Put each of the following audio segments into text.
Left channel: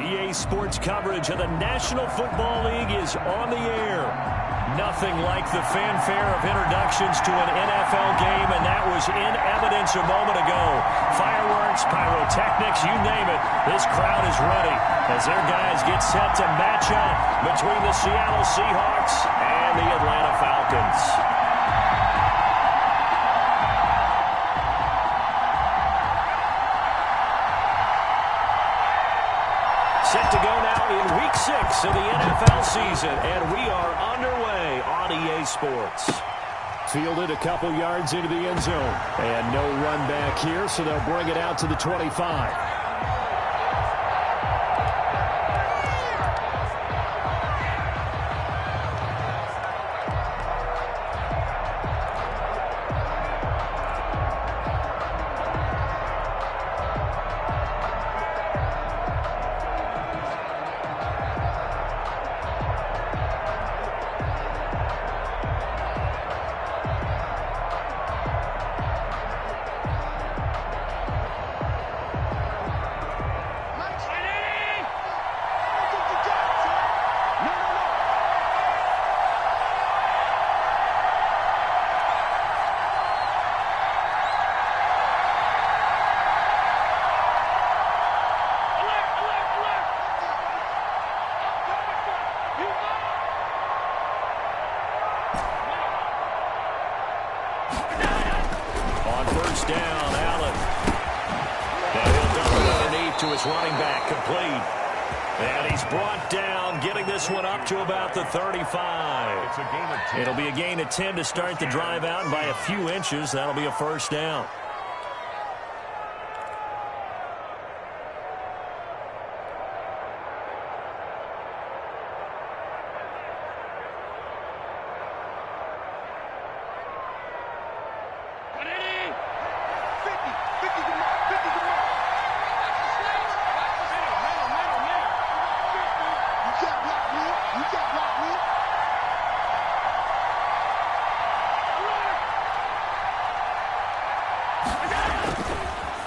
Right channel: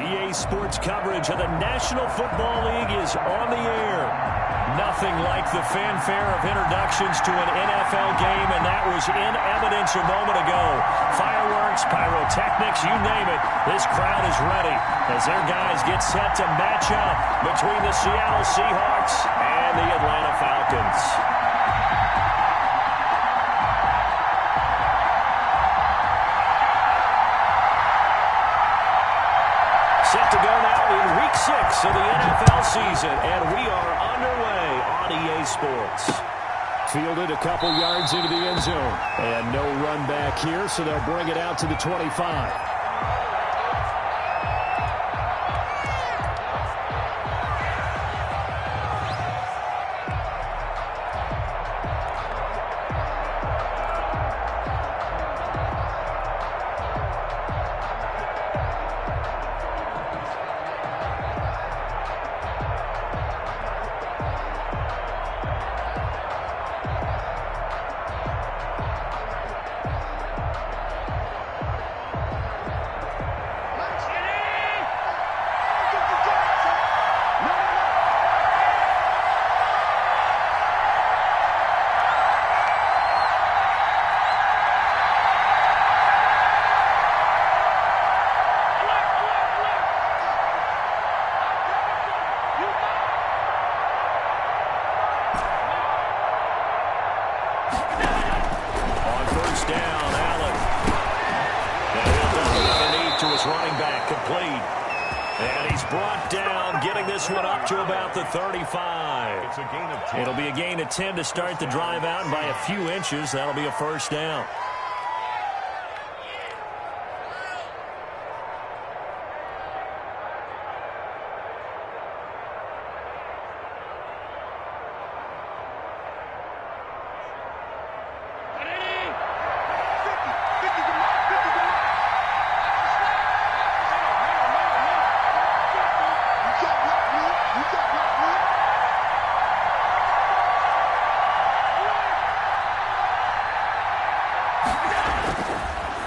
EA Sports coverage of the National Football League is on the air. Nothing like the fanfare of introductions to an NFL game, and that was in evidence a moment ago. Fireworks, pyrotechnics, you name it. This crowd is ready as their guys get set to match up between the Seattle Seahawks and the Atlanta Falcons. Set to go now in Week 6 of the NFL season, and we are underway on EA Sports. Fielded a couple yards into the end zone, and no run back here, so they'll bring it out to the 25. Down, Allen. Now he'll dump it underneath to his running back, complete. And he's brought down, getting this one up to about the 35. It's a gain of 10. It'll be a gain of 10 to start the drive out, and by a few inches, that'll be a first down.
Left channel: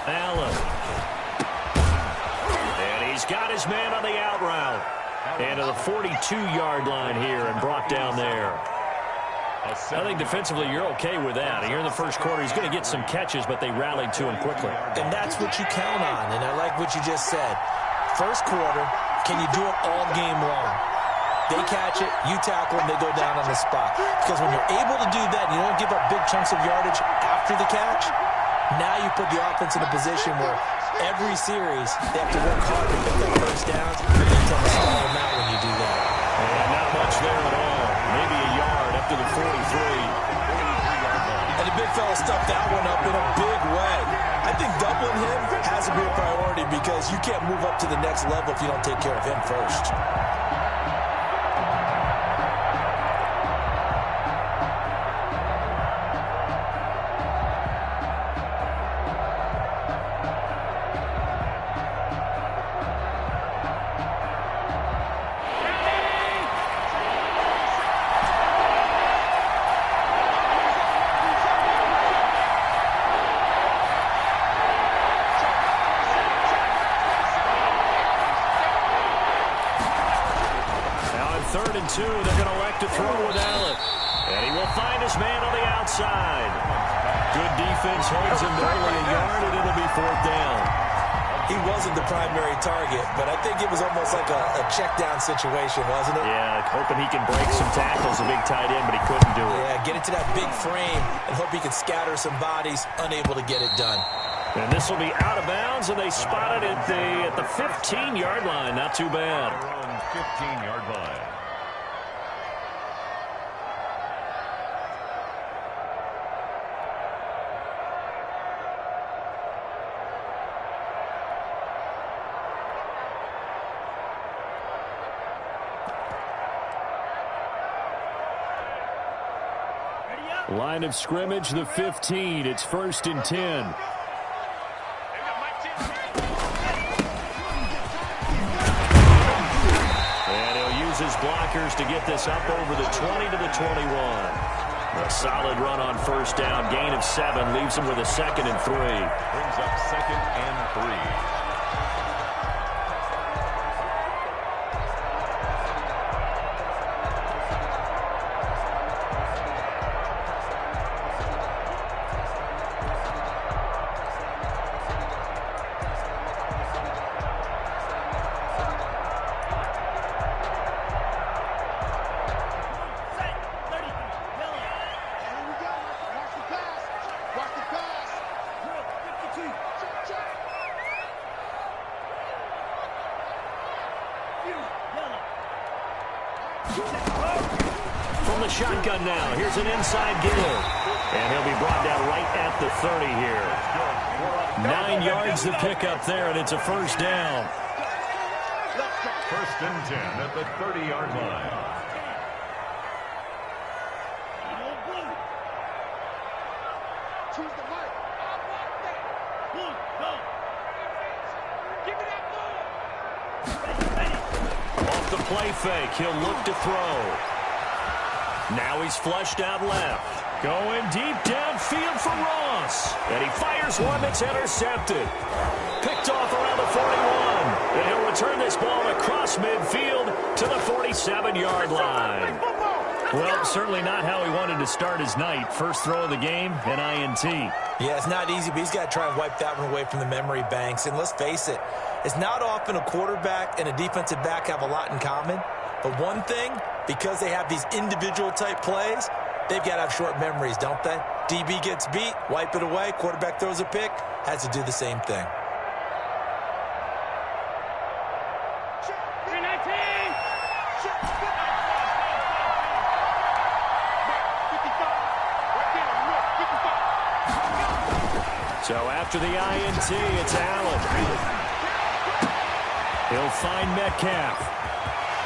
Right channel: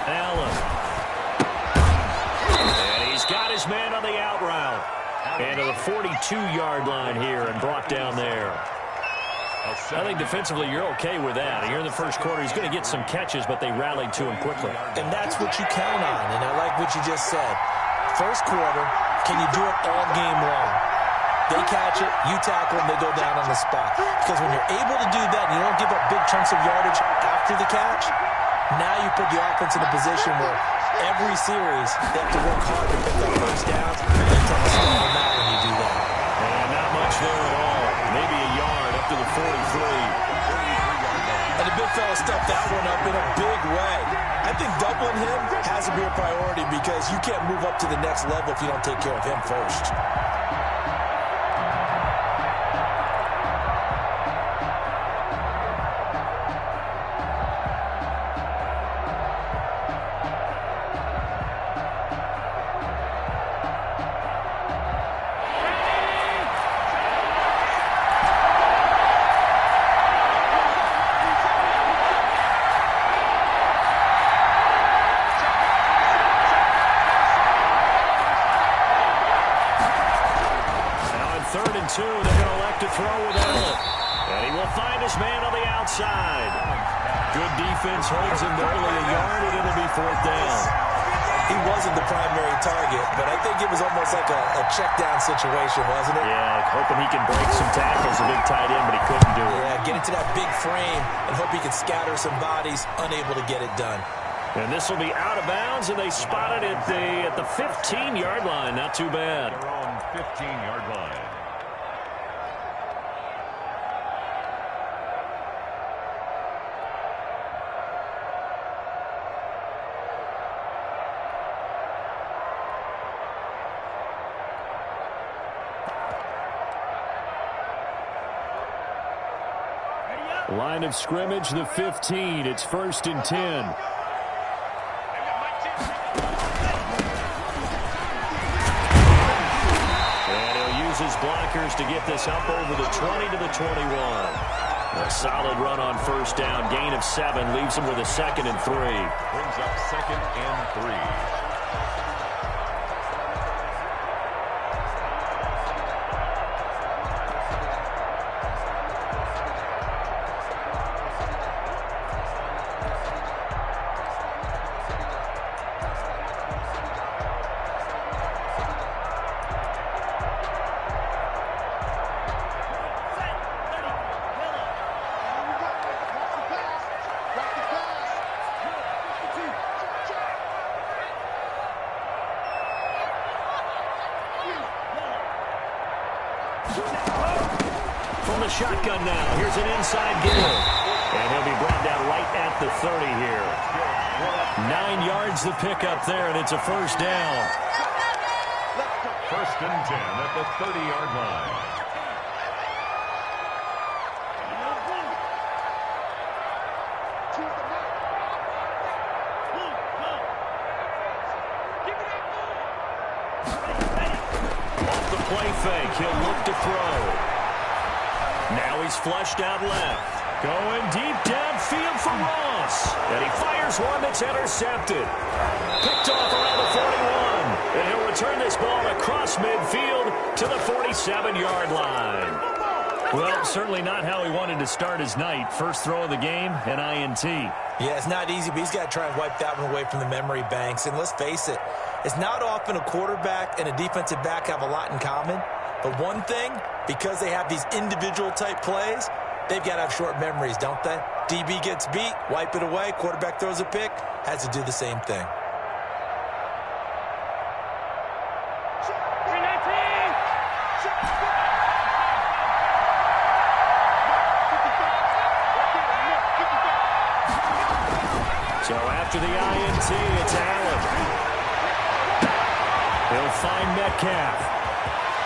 Allen. And he's got his man on the out route. And to the 42-yard line here and brought down there. I think defensively you're okay with that. Here in the first quarter, he's going to get some catches, but they rallied to him quickly. And that's what you count on, and I like what you just said. First quarter, can you do it all game long? They catch it, you tackle them, they go down on the spot. Because when you're able to do that and you don't give up big chunks of yardage after the catch, now you put the offense in a position where every series they have to work hard to pick up first downs, and you can stall them out when you do that. And not much there at all. Maybe a yard up to the 43. And the big fella stuffed that one up in a big way. I think doubling him has to be a priority because you can't move up to the next level if you don't take care of him first. Third and 2, they're going to elect to throw with Allen. And he will find his man on the outside. Good defense holds him to only a yard, and it'll be fourth down. He wasn't the primary target, but I think it was almost like a check down situation, wasn't it? Yeah, hoping he can break some tackles, a big tight end, but he couldn't do it. Yeah, get into that big frame and hope he can scatter some bodies, unable to get it done. And this will be out of bounds, and they spot it at the 15-yard line. Not too bad. Their own 15-yard line. Line of scrimmage, the 15. It's 1st and 10. And he'll use his blockers to get this up over the 20 to the 21. A solid run on first down. Gain of 7 leaves him with a 2nd and 3. Brings up 2nd and 3. from the shotgun now. Here's an inside give. And he'll be brought down right at the 30 here. 9 yards the pickup there, and it's a first down. First and 10 at the 30-yard line. Off the play fake, he'll look to throw. Now he's flushed out left. Going deep downfield for Ross. And he fires one that's intercepted. Picked off around the 41. And he'll return this ball across midfield to the 47-yard line. Well, certainly not how he wanted to start his night. First throw of the game, an INT. Yeah, it's not easy, but he's got to try and wipe that one away from the memory banks. And let's face it, it's not often a quarterback and a defensive back have a lot in common. But one thing, because they have these individual type plays, they've got to have short memories, don't they? DB gets beat, wipe it away, quarterback throws a pick, has to do the same thing. So after the INT, it's Allen. He'll find Metcalf.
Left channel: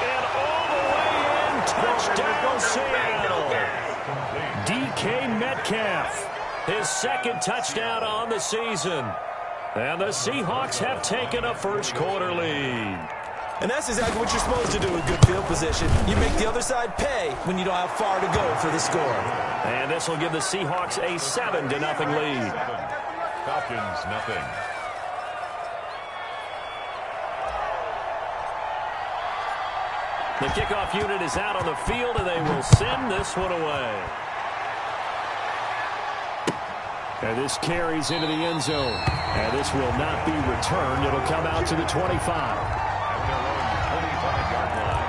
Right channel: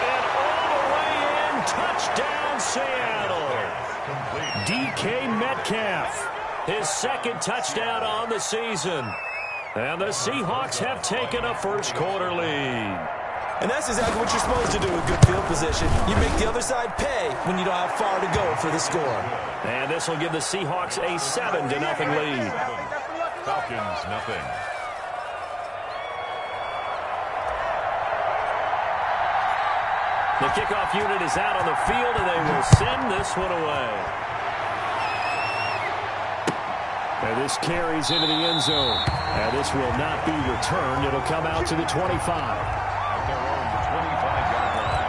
And all the way in, touchdown Seattle. DK Metcalf, his second touchdown on the season. And the Seahawks have taken a first quarter lead. And that's exactly what you're supposed to do with good field position. You make the other side pay when you don't have far to go for the score. And this will give the Seahawks a 7-0 lead. Falcons, nothing. The kickoff unit is out on the field, and they will send this one away. And this carries into the end zone. And this will not be returned. It'll come out to the 25. At their own 25-yard line.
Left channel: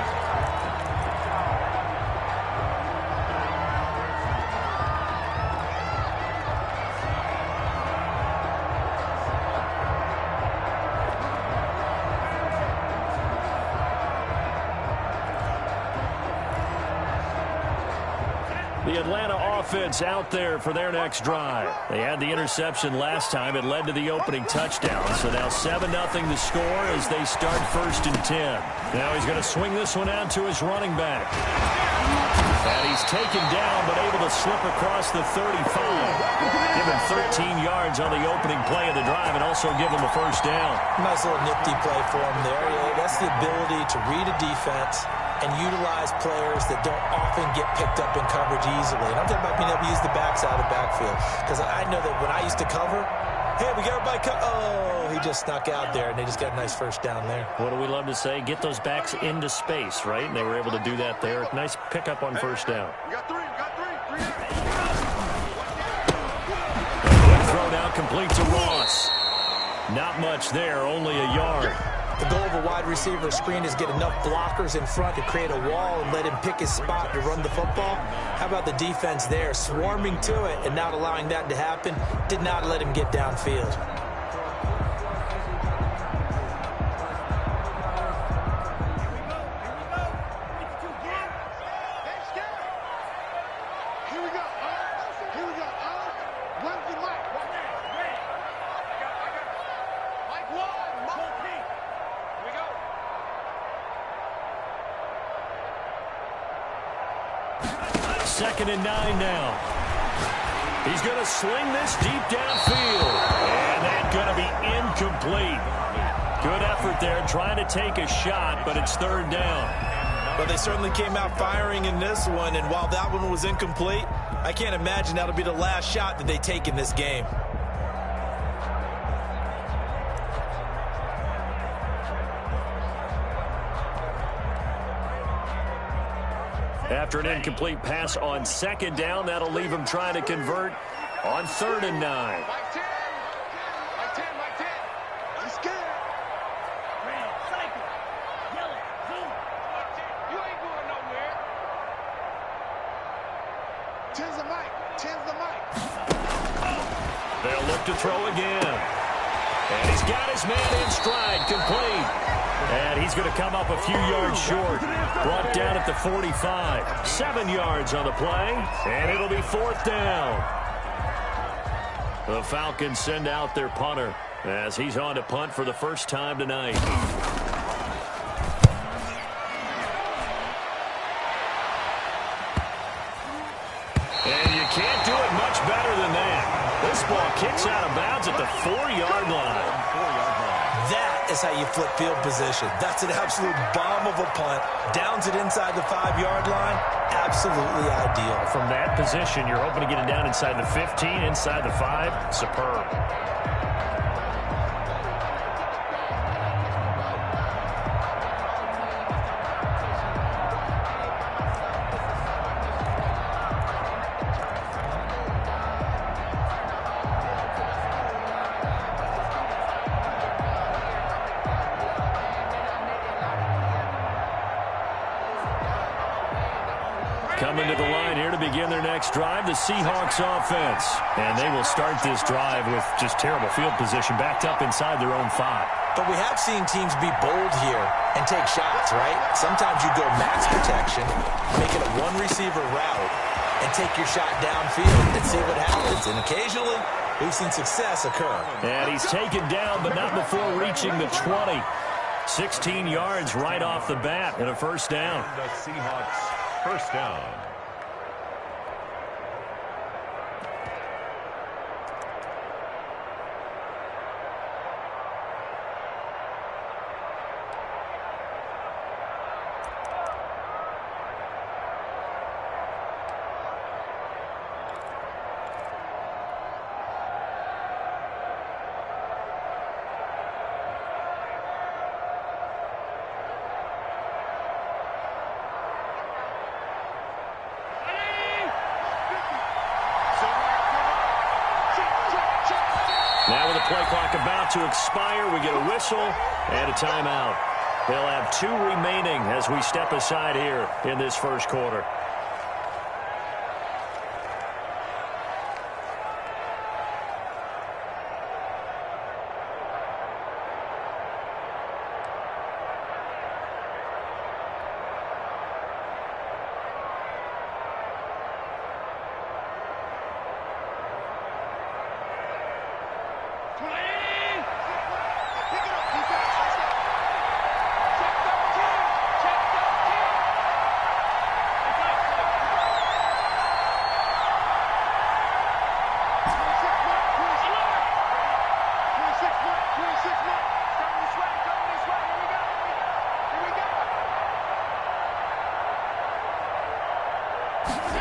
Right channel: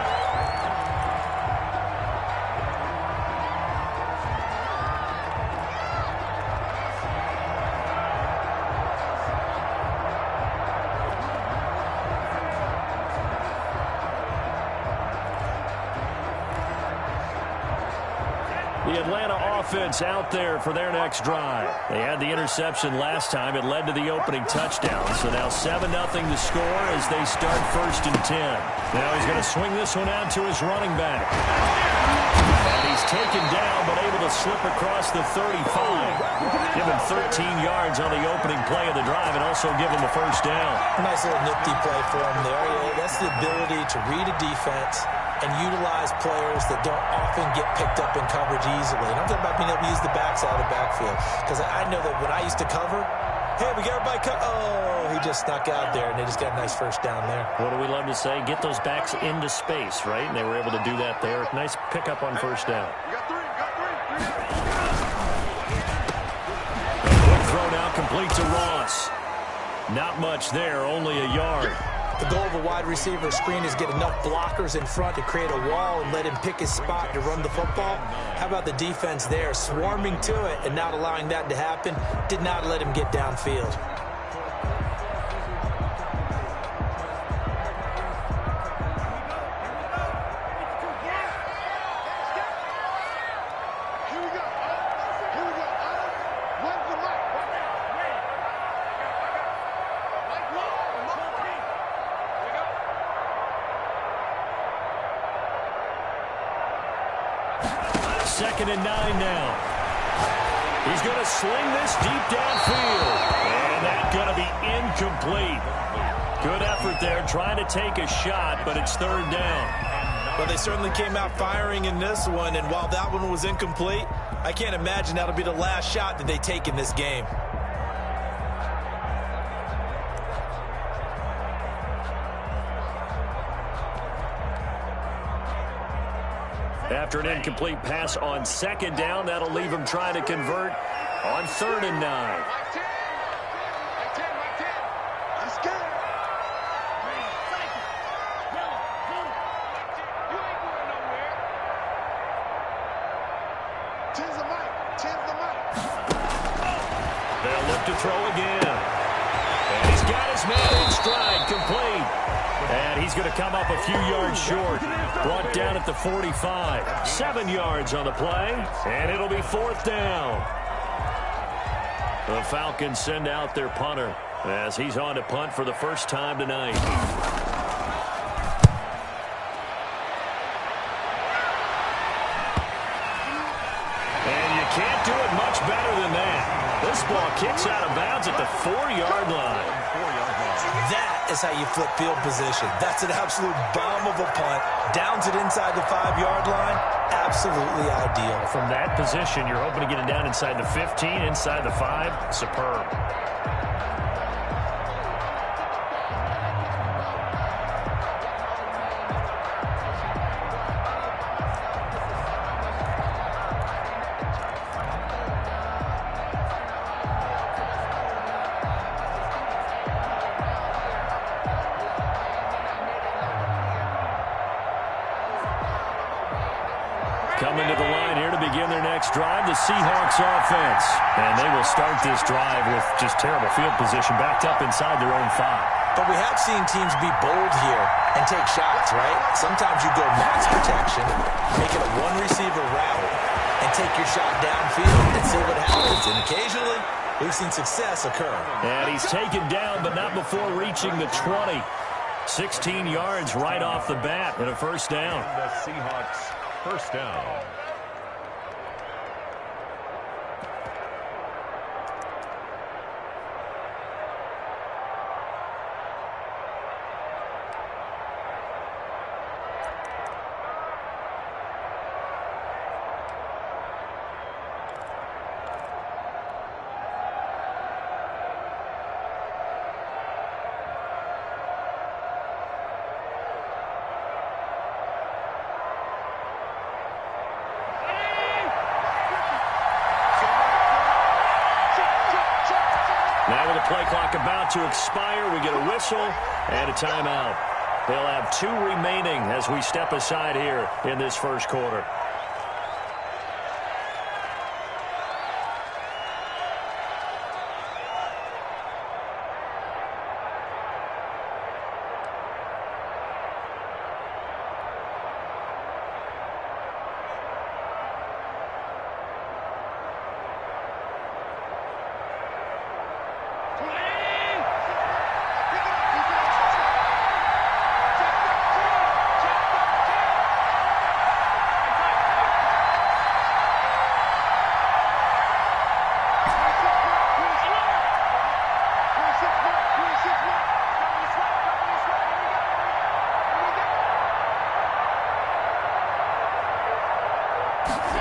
The Atlanta offense out there for their next drive. They had the interception last time. It led to the opening touchdown. So now 7-0 the score as they start 1st and 10. Now he's going to swing this one out to his running back. And he's taken down but able to slip across the 35. Give him 13 yards on the opening play of the drive and also give him a first down. Nice little nifty play for him there. Yeah, that's the ability to read a defense and utilize players that don't often get picked up in coverage easily. And I'm talking about being able to use the backs out of the backfield. Because I know that when I used to cover, hey, we got everybody oh, he just snuck out there, and they just got a nice first down there. What do we love to say? Get those backs into space, right? And they were able to do that there. Nice pickup on first down. Quick throw now complete to Ross. Not much there, only a yard. The goal of a wide receiver screen is get enough blockers in front to create a wall and let him pick his spot to run the football. How about the defense there, swarming to it and not allowing that to happen? Did not let him get downfield. Second and 9 now. He's going to sling this deep downfield. And that's going to be incomplete. Good effort there trying to take a shot, but it's 3rd down. Well, they certainly came out firing in this one, and while that one was incomplete, I can't imagine that'll be the last shot that they take in this game. After an incomplete pass on 2nd down, that'll leave him trying to convert on 3rd and 9. Mike 10. I'm scared. Red, cycle, yellow, blue. You ain't going nowhere. 10's the mic. They'll look to throw again. And he's got his man in stride, complete. And he's going to come up a few yards short. Brought down at the 45. 7 yards on the play, and it'll be 4th down. The Falcons send out their punter as he's on to punt for the first time tonight. And you can't do it much better than that. This ball kicks out of bounds at the 4-yard line. That is how you flip field position. That's an absolute bomb of a punt. Downs it inside the 5-yard line. Absolutely ideal. From that position, you're hoping to get it down inside the 15, inside the 5. Superb. Coming to the line here to begin their next drive, the Seahawks offense. And they will start this drive with just terrible field position, backed up inside their own 5. But we have seen teams be bold here and take shots, right? Sometimes you go max protection, make it a one-receiver route, and take your shot downfield and see what happens. And occasionally, we've seen success occur. And he's taken down, but not before reaching the 20. 16 yards right off the bat and a first down. And the Seahawks first down. Now with the play clock about to expire, we get a whistle and a timeout. They'll have 2 remaining as we step aside here in this first quarter.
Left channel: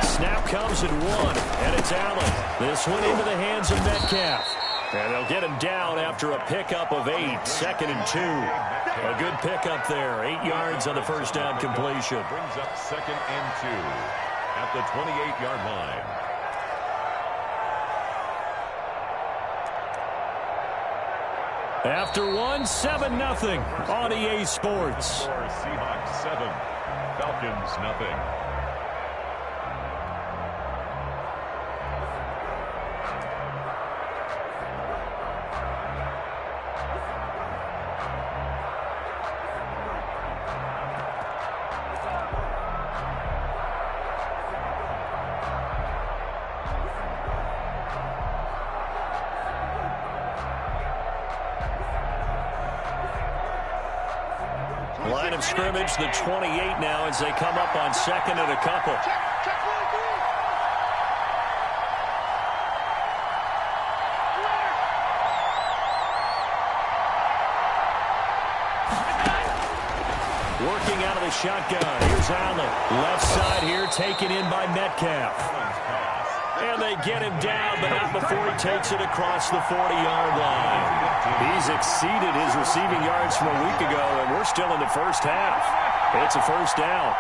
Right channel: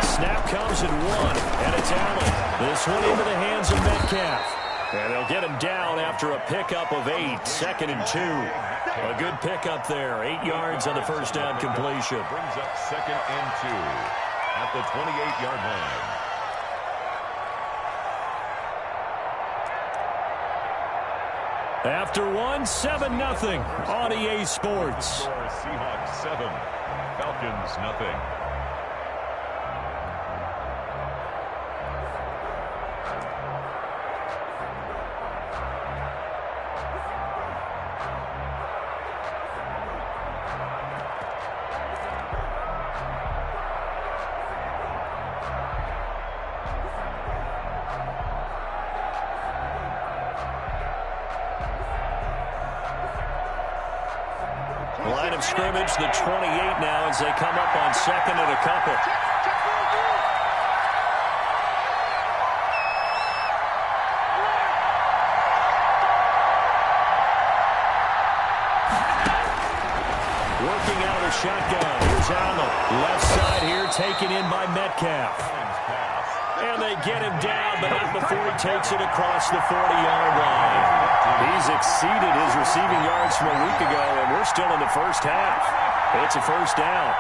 Snap comes at 1, and it's Allen. This one into the hands of Metcalf. And they'll get him down after a pickup of 8, 2nd and 2. A good pickup there, 8 yards on the first down completion. Brings up 2nd and 2 at the 28-yard line. After 1, 7-0 on EA Sports. Score Seahawks 7, Falcons nothing. Line of scrimmage, the 28 now as they come up on 2nd and a couple. Working out of the shotgun. Here's Allen. Left side here taken in by Metcalf. And they get him down, but not before he takes it across the 40-yard line. He's exceeded his receiving yards from a week ago, and we're still in the first half. It's a first down.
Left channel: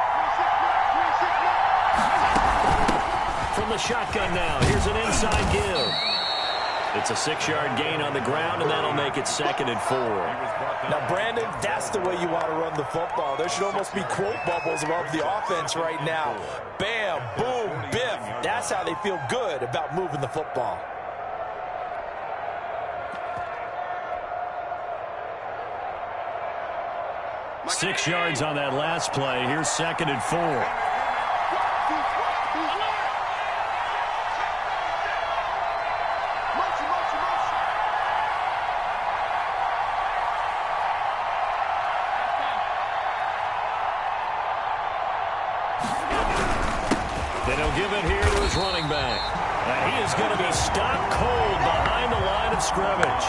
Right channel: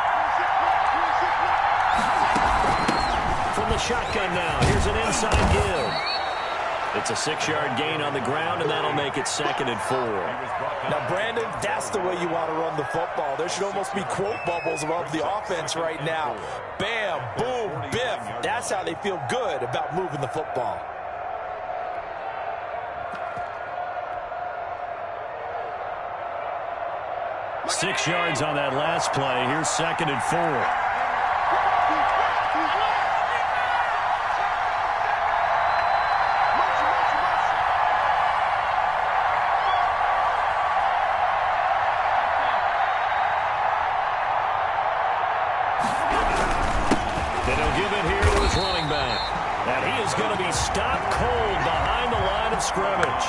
From the shotgun now, here's an inside give. It's a 6-yard gain on the ground, and that'll make it 2nd and 4. Now, Brandon, that's the way you want to run the football. There should almost be quote bubbles above the offense right now. Bam, boom, biff. That's how they feel good about moving the football. 6 yards on that last play. Here's 2nd and 4. Then he'll give it here to his running back. And he is going to be stopped cold behind the line of scrimmage.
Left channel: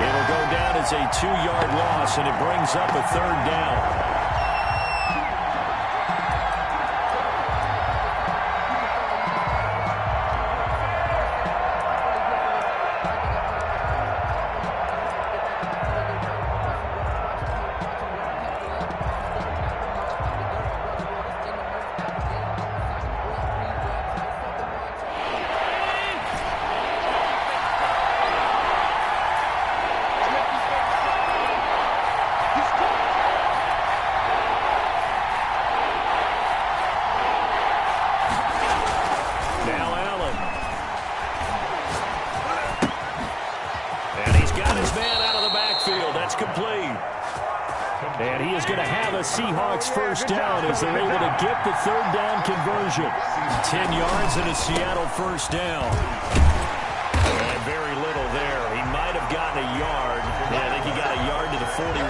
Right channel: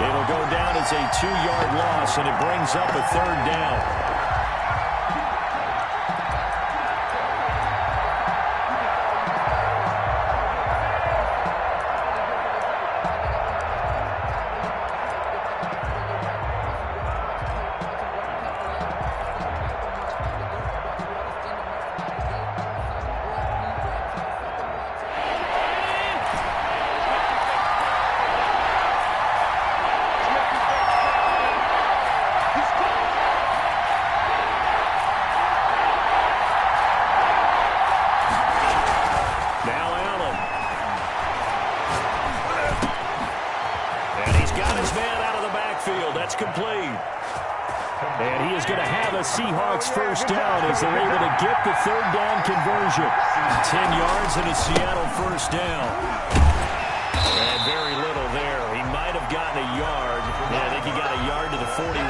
It'll go down as a 2-yard loss, and it brings up a 3rd down. That's complete. And he is going to have a Seahawks first down as they're able to get the 3rd down conversion. 10 yards and a Seattle first down. And very little there. He might have gotten a yard. Yeah, I think he got a yard to the 41.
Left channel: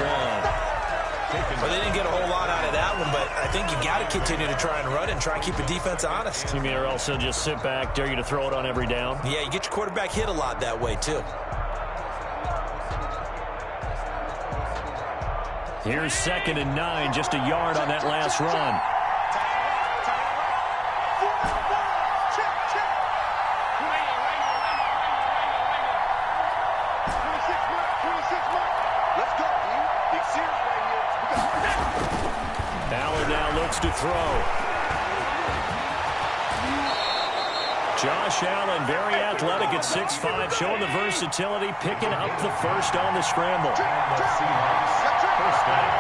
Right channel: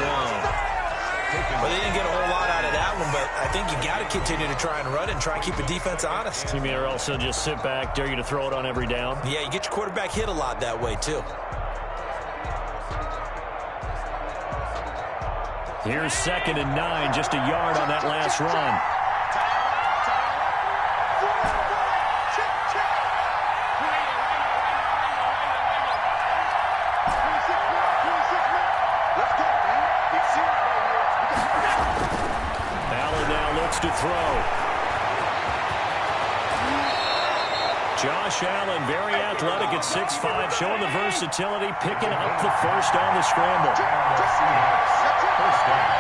Well, they didn't get a whole lot out of that one, but I think you got to continue to try and run and try and keep the defense honest. You mean or else he'll just sit back, dare you to throw it on every down? Yeah, you get your quarterback hit a lot that way, too. Here's 2nd and 9, just a yard on that last run. Allen now looks to throw. Josh Allen, very athletic at 6'5", showing the versatility, picking up the first on the scramble. First down.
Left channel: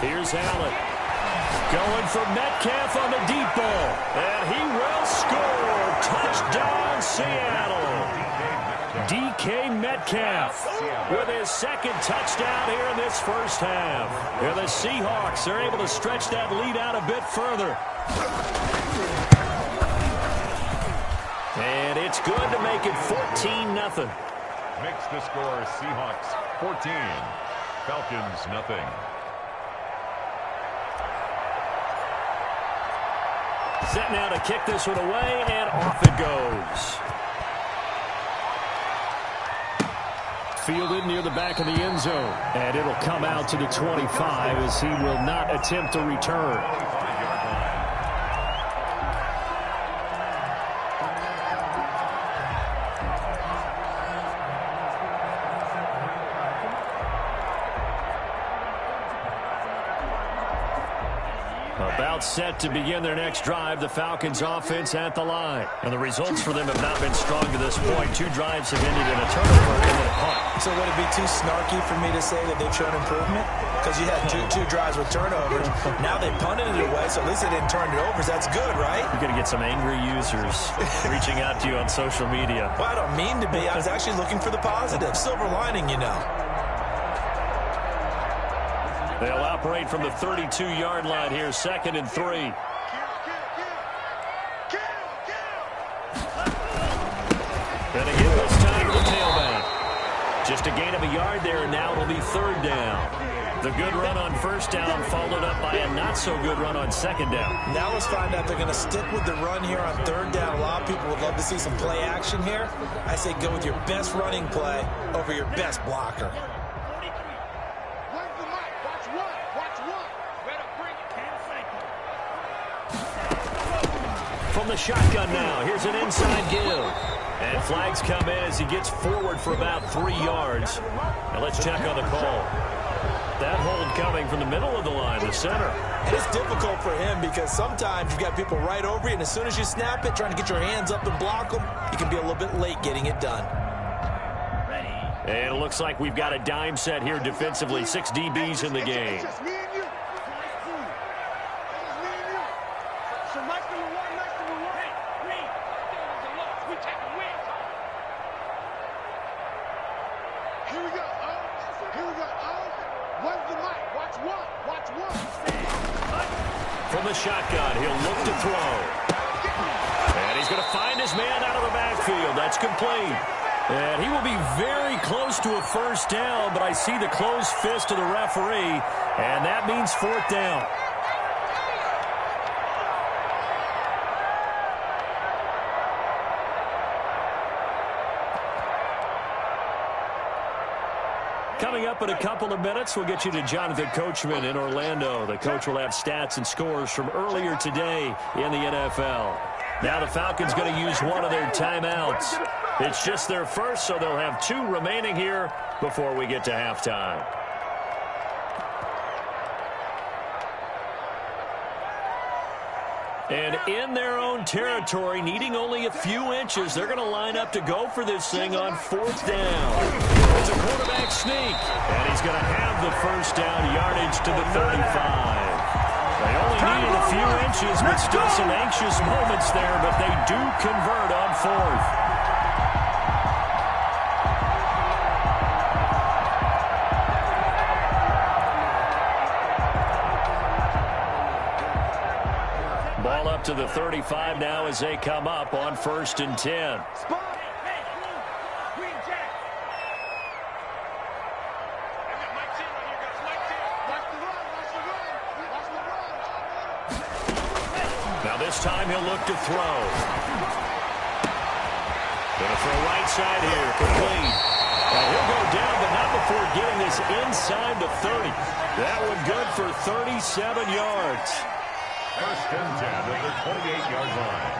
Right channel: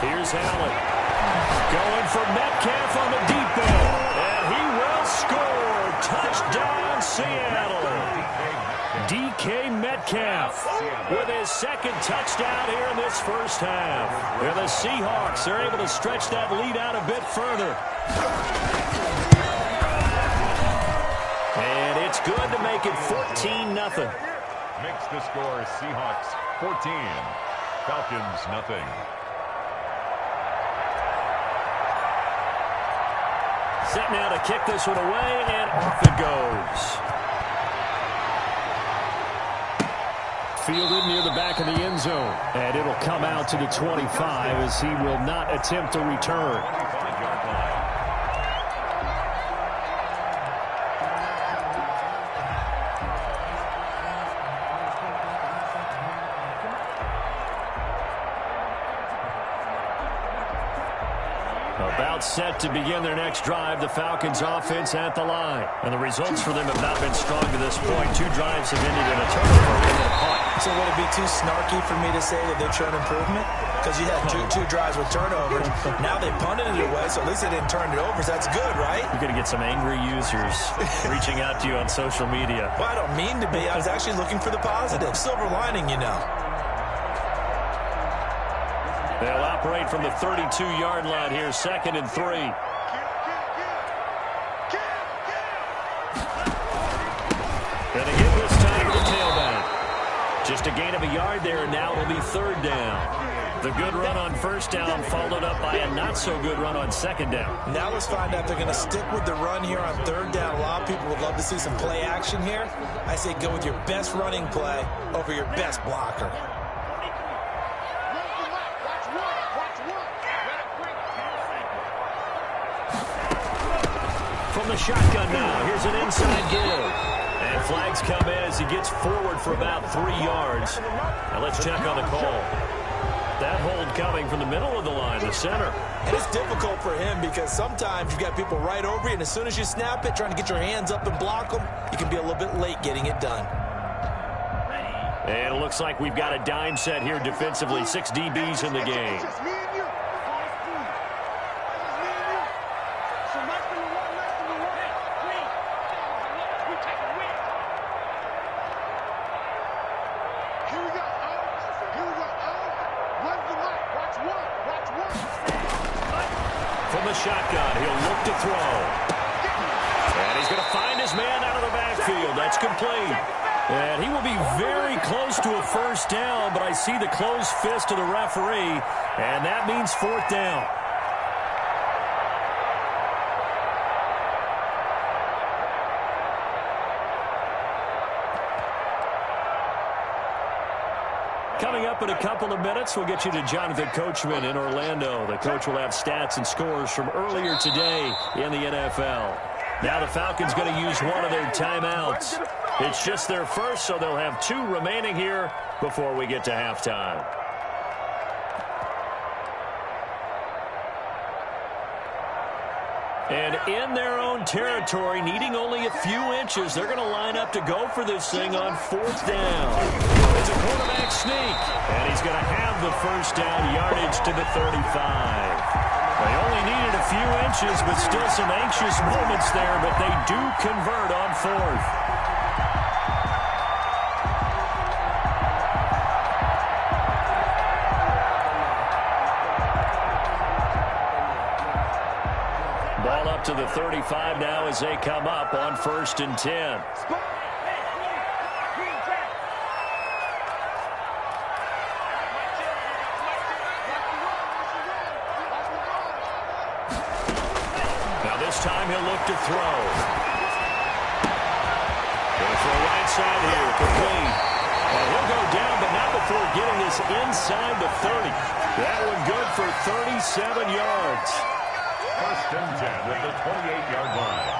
Here's Allen. Going for Metcalf on the deep ball. And he will score. Touchdown, Seattle. DK Metcalf with his 2nd touchdown here in this first half. And the Seahawks are able to stretch that lead out a bit further. And it's good to make it 14-0. Makes the score Seahawks 14, Falcons nothing. Set now to kick this one away, and off it goes. Fielded near the back of the end zone. And it'll come out to the 25 as he will not attempt to return. 25-yard line. About set to begin their next drive, the Falcons offense at the line. And the results for them have not been strong to this point. 2 drives have ended in a turnover and then a punt. So would it be too snarky for me to say that they've shown improvement? Because you had two drives with turnovers. Now they punted it away, so at least they didn't turn it over. So that's good, right? You're going to get some angry users reaching out to you on social media. Well, I don't mean to be. I was actually looking for the positive. Silver lining, you know. They'll operate from the 32-yard line here, 2nd and 3. And again this time to the tailback. Just a gain of a yard there, and now it'll be 3rd down. The good run on 1st down followed up by a not-so-good run on 2nd down. Now let's find out if they're going to stick with the run here on 3rd down. A lot of people would love to see some play action here. I say go with your best running play over your best blocker. From the shotgun now, here's an inside give. And flags come in as he gets forward for about 3 yards. Now let's check on the call. That hold coming from the middle of the line, the center. And it's difficult for him because sometimes you've got people right over you, and as soon as you snap it, trying to get your hands up and block them, you can be a little bit late getting it done. And it looks like we've got a dime set here defensively. 6 DBs in the game. So Watch one. From the shotgun, he'll look to throw. And he's going to find his man out of the backfield. That's complete. And he will be very close to a first down, but I see the closed fist of the referee, and that means fourth down. Coming up in a couple of minutes, we'll get you to Jonathan Coachman in Orlando. The coach will have stats and scores from earlier today in the NFL. Now the Falcons going to use one of their timeouts. It's just their first, so they'll have 2 remaining here before we get to halftime. And in their own territory, needing only a few inches, they're going to line up to go for this thing on fourth down. It's a quarterback sneak, and he's going to have the first down yardage to the 35. They only needed a few inches, but still some anxious moments there, but they do convert on fourth. Ball up to the 35 now as they come up on 1st and 10. Now this time he'll look to throw. Going to throw right side here, complete. And he'll go down, but not before getting this inside the 30. That one good for 37 yards. 1st and 10 at the 28-yard line.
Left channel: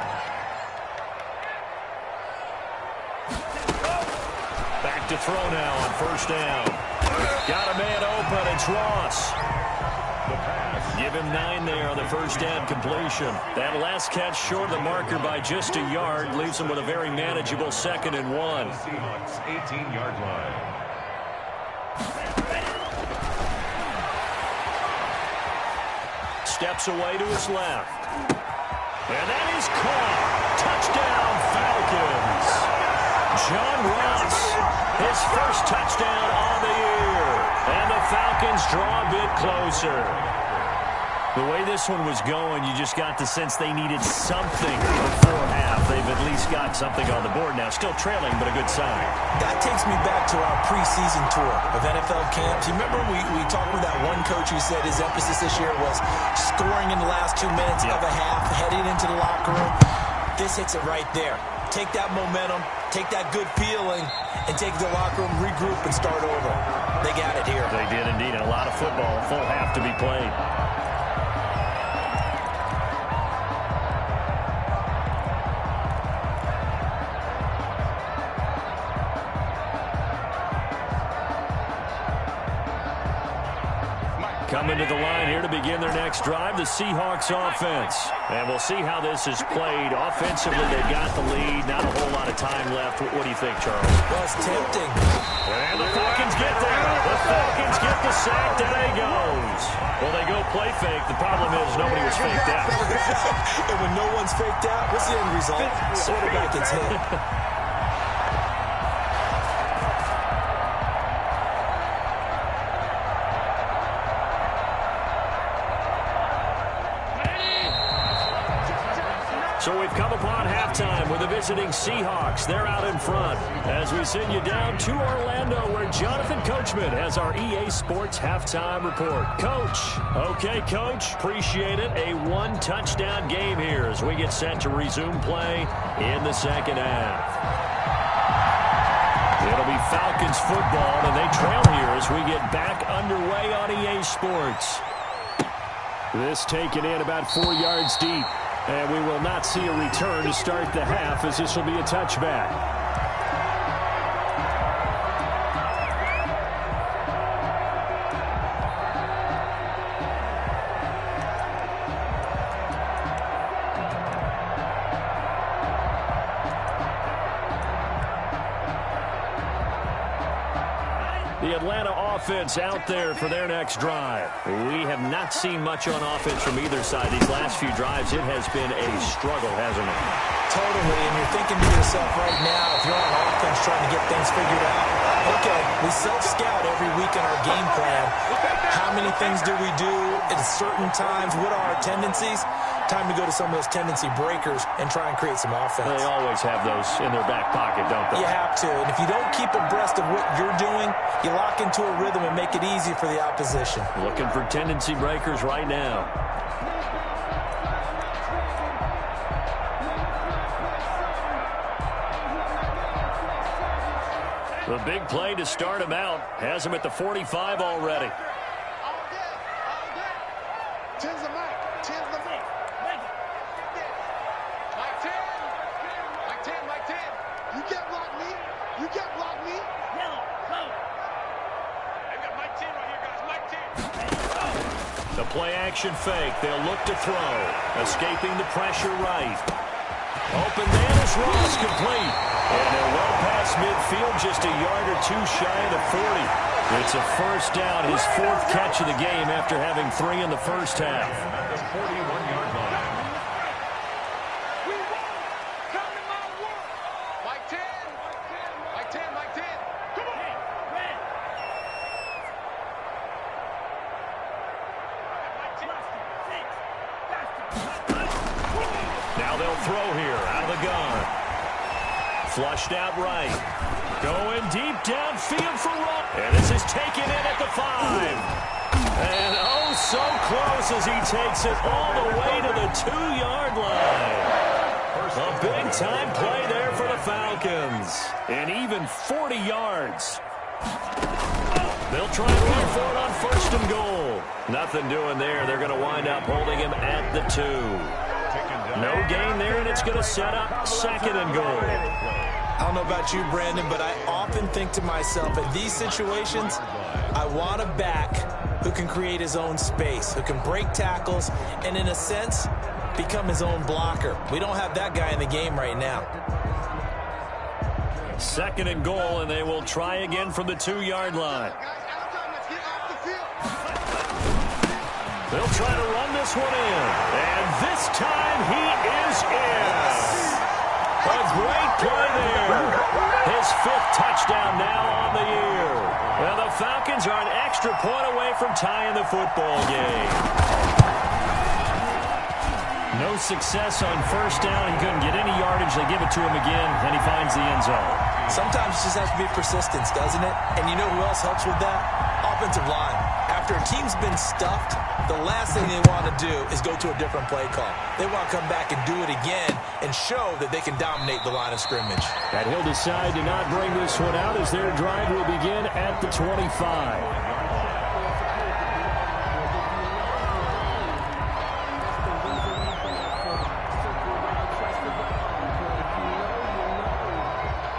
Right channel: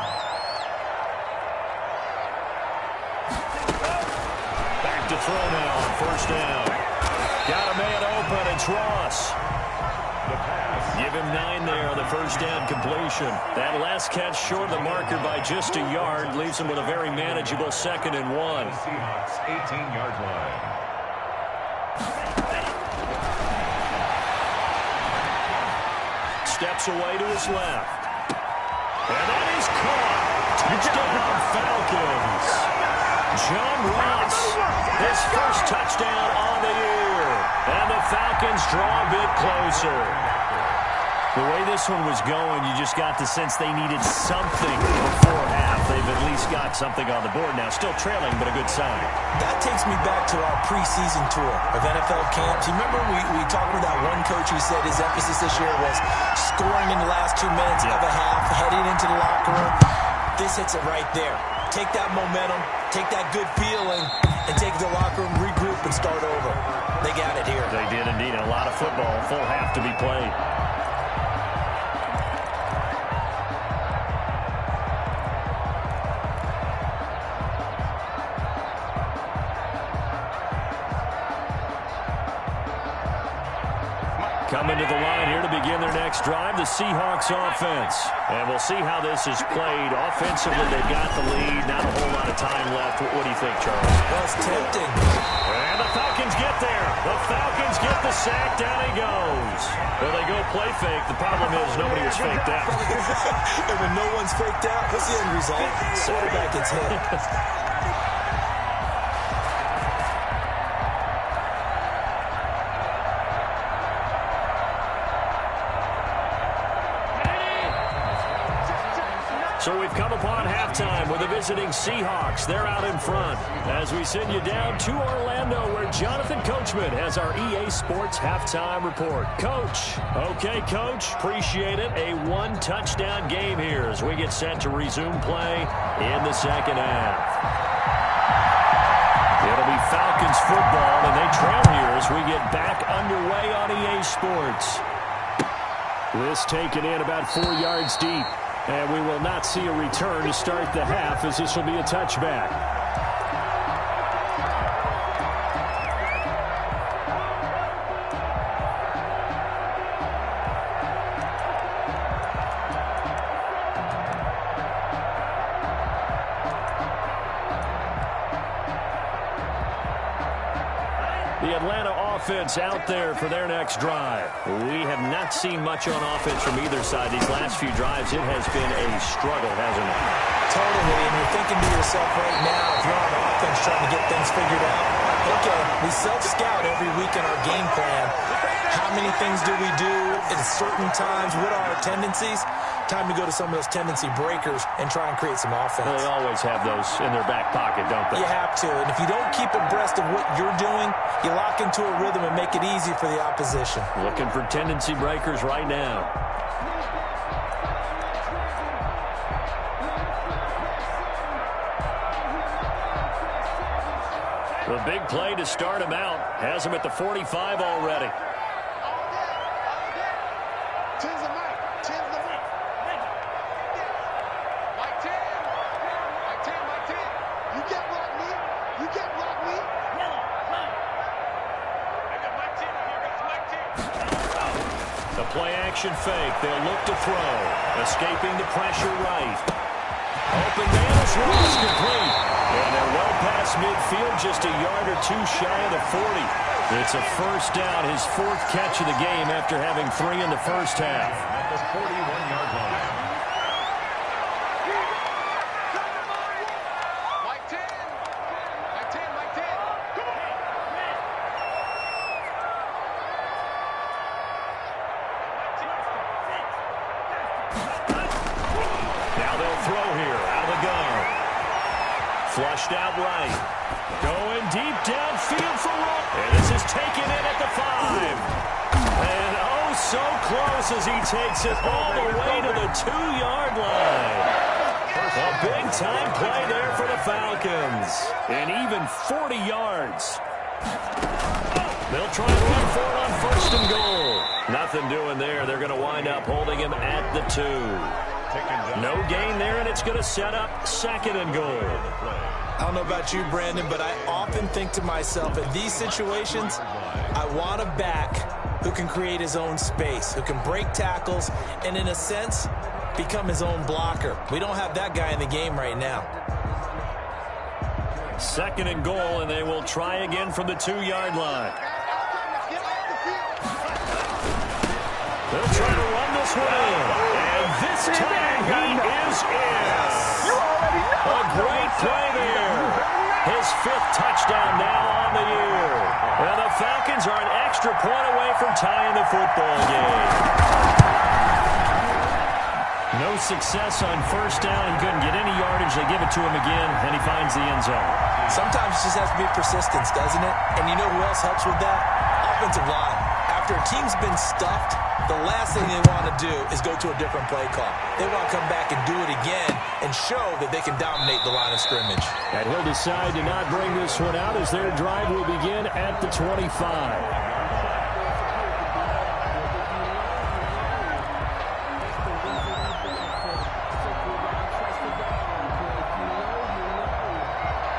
Back to throw now on 1st down. Got a man open. It's Ross. The pass. Give him 9 there on the 1st down completion. That last catch short of the marker by just a yard leaves him with a very manageable 2nd and 1. The Seahawks 18-yard line. Steps away to his left. And that is caught. Touchdown, Falcons. John Ross, his first touchdown on the year. And the Falcons draw a bit closer. The way this one was going, you just got the sense they needed something before half. They've at least got something on the board now. Still trailing, but a good sign. That takes me back to our preseason tour of NFL camps. You remember we talked with that one coach who said his emphasis this year was scoring in the last 2 minutes of a half, heading into the locker room. This hits it right there. Take that momentum, take that good feeling, and take the locker room, regroup, and start over. They got it here. They did indeed. A lot of football, full half to be played. Coming to the line here to begin their next drive, the Seahawks offense. And we'll see how this is played. Offensively, they've got the lead. Not a whole lot of time left. What do you think, Charles? Well, it's tempting. And the Falcons get there. The Falcons get the sack. Down he goes. Well, they go play fake. The problem is nobody was faked out. And when no one's faked out, what's the end result? Quarterback gets hit. So we've come upon halftime with the visiting Seahawks. They're out in front as we send you down to Orlando where Jonathan Coachman has our EA Sports halftime report. Coach. Okay, Coach. Appreciate it. A 1-touchdown game here as we get set to resume play in the second half. It'll be Falcons football, and they trail here as we get back underway on EA Sports. This taken in about 4 yards deep. And we will not see a return to start the half as this will be a touchback. The Atlanta offense out there for their next drive. We have not seen much on offense from either side. These last few drives, it has been a struggle, hasn't it? Totally, and you're thinking to yourself right now, if you're on offense trying to get things figured out, okay, we self-scout every week in our game plan. How many things do we do at certain times? What are our tendencies? Time to go to some of those tendency breakers and try and create some offense. They always have those in their back pocket, don't they? You have to, and if you don't keep abreast of what you're doing, you lock into a rhythm and make it easy for the opposition. Looking for tendency breakers right now. The big play to start him out has him at the 45 already. All day. Tens of Mike. Mike 10. Mike 10. You can't block me. Yellow, go. I got Mike 10 right here, guys. Mike 10. The play action fake. They'll look to throw. Escaping the pressure right. Open man is Ross complete. And they're well past midfield, just a yard or two shy of the 40. It's a first down, his fourth catch of the game after having 3 in the first half. At the 41-yard line. Mike 10. Come on. Red. Now they'll throw here out of the gun. Flushed out right. Going deep downfield for Ross. And this is taken in at the 5. And oh, so close as he takes it all the way to the 2-yard line. A big-time play there for the Falcons. And even 40 yards. They'll try and run for it on first and goal. Nothing doing there. They're going to wind up holding him at the 2. No gain there, and it's going to set up second and goal. I don't know about you, Brandon, but I often think to myself, in these situations, I want a back who can create his own space, who can break tackles, and in a sense, become his own blocker. We don't have that guy in the game right now. Second and goal, and they will try again from the 2-yard line. They'll try to run this one in, and this time he is in. A great play there. His 5th touchdown now on the year. Well, the Falcons are an extra point away from tying the football game. No success on first down. He couldn't get any yardage. They give it to him again, and he finds the end zone. Sometimes it just has to be persistence, doesn't it? And you know who else helps with that? Offensive line. After a team's been stuffed, the last thing they want to do is go to a different play call. They want to come back and do it again and show that they can dominate the line of scrimmage. And he'll decide to not bring this one out as their drive will begin at the 25.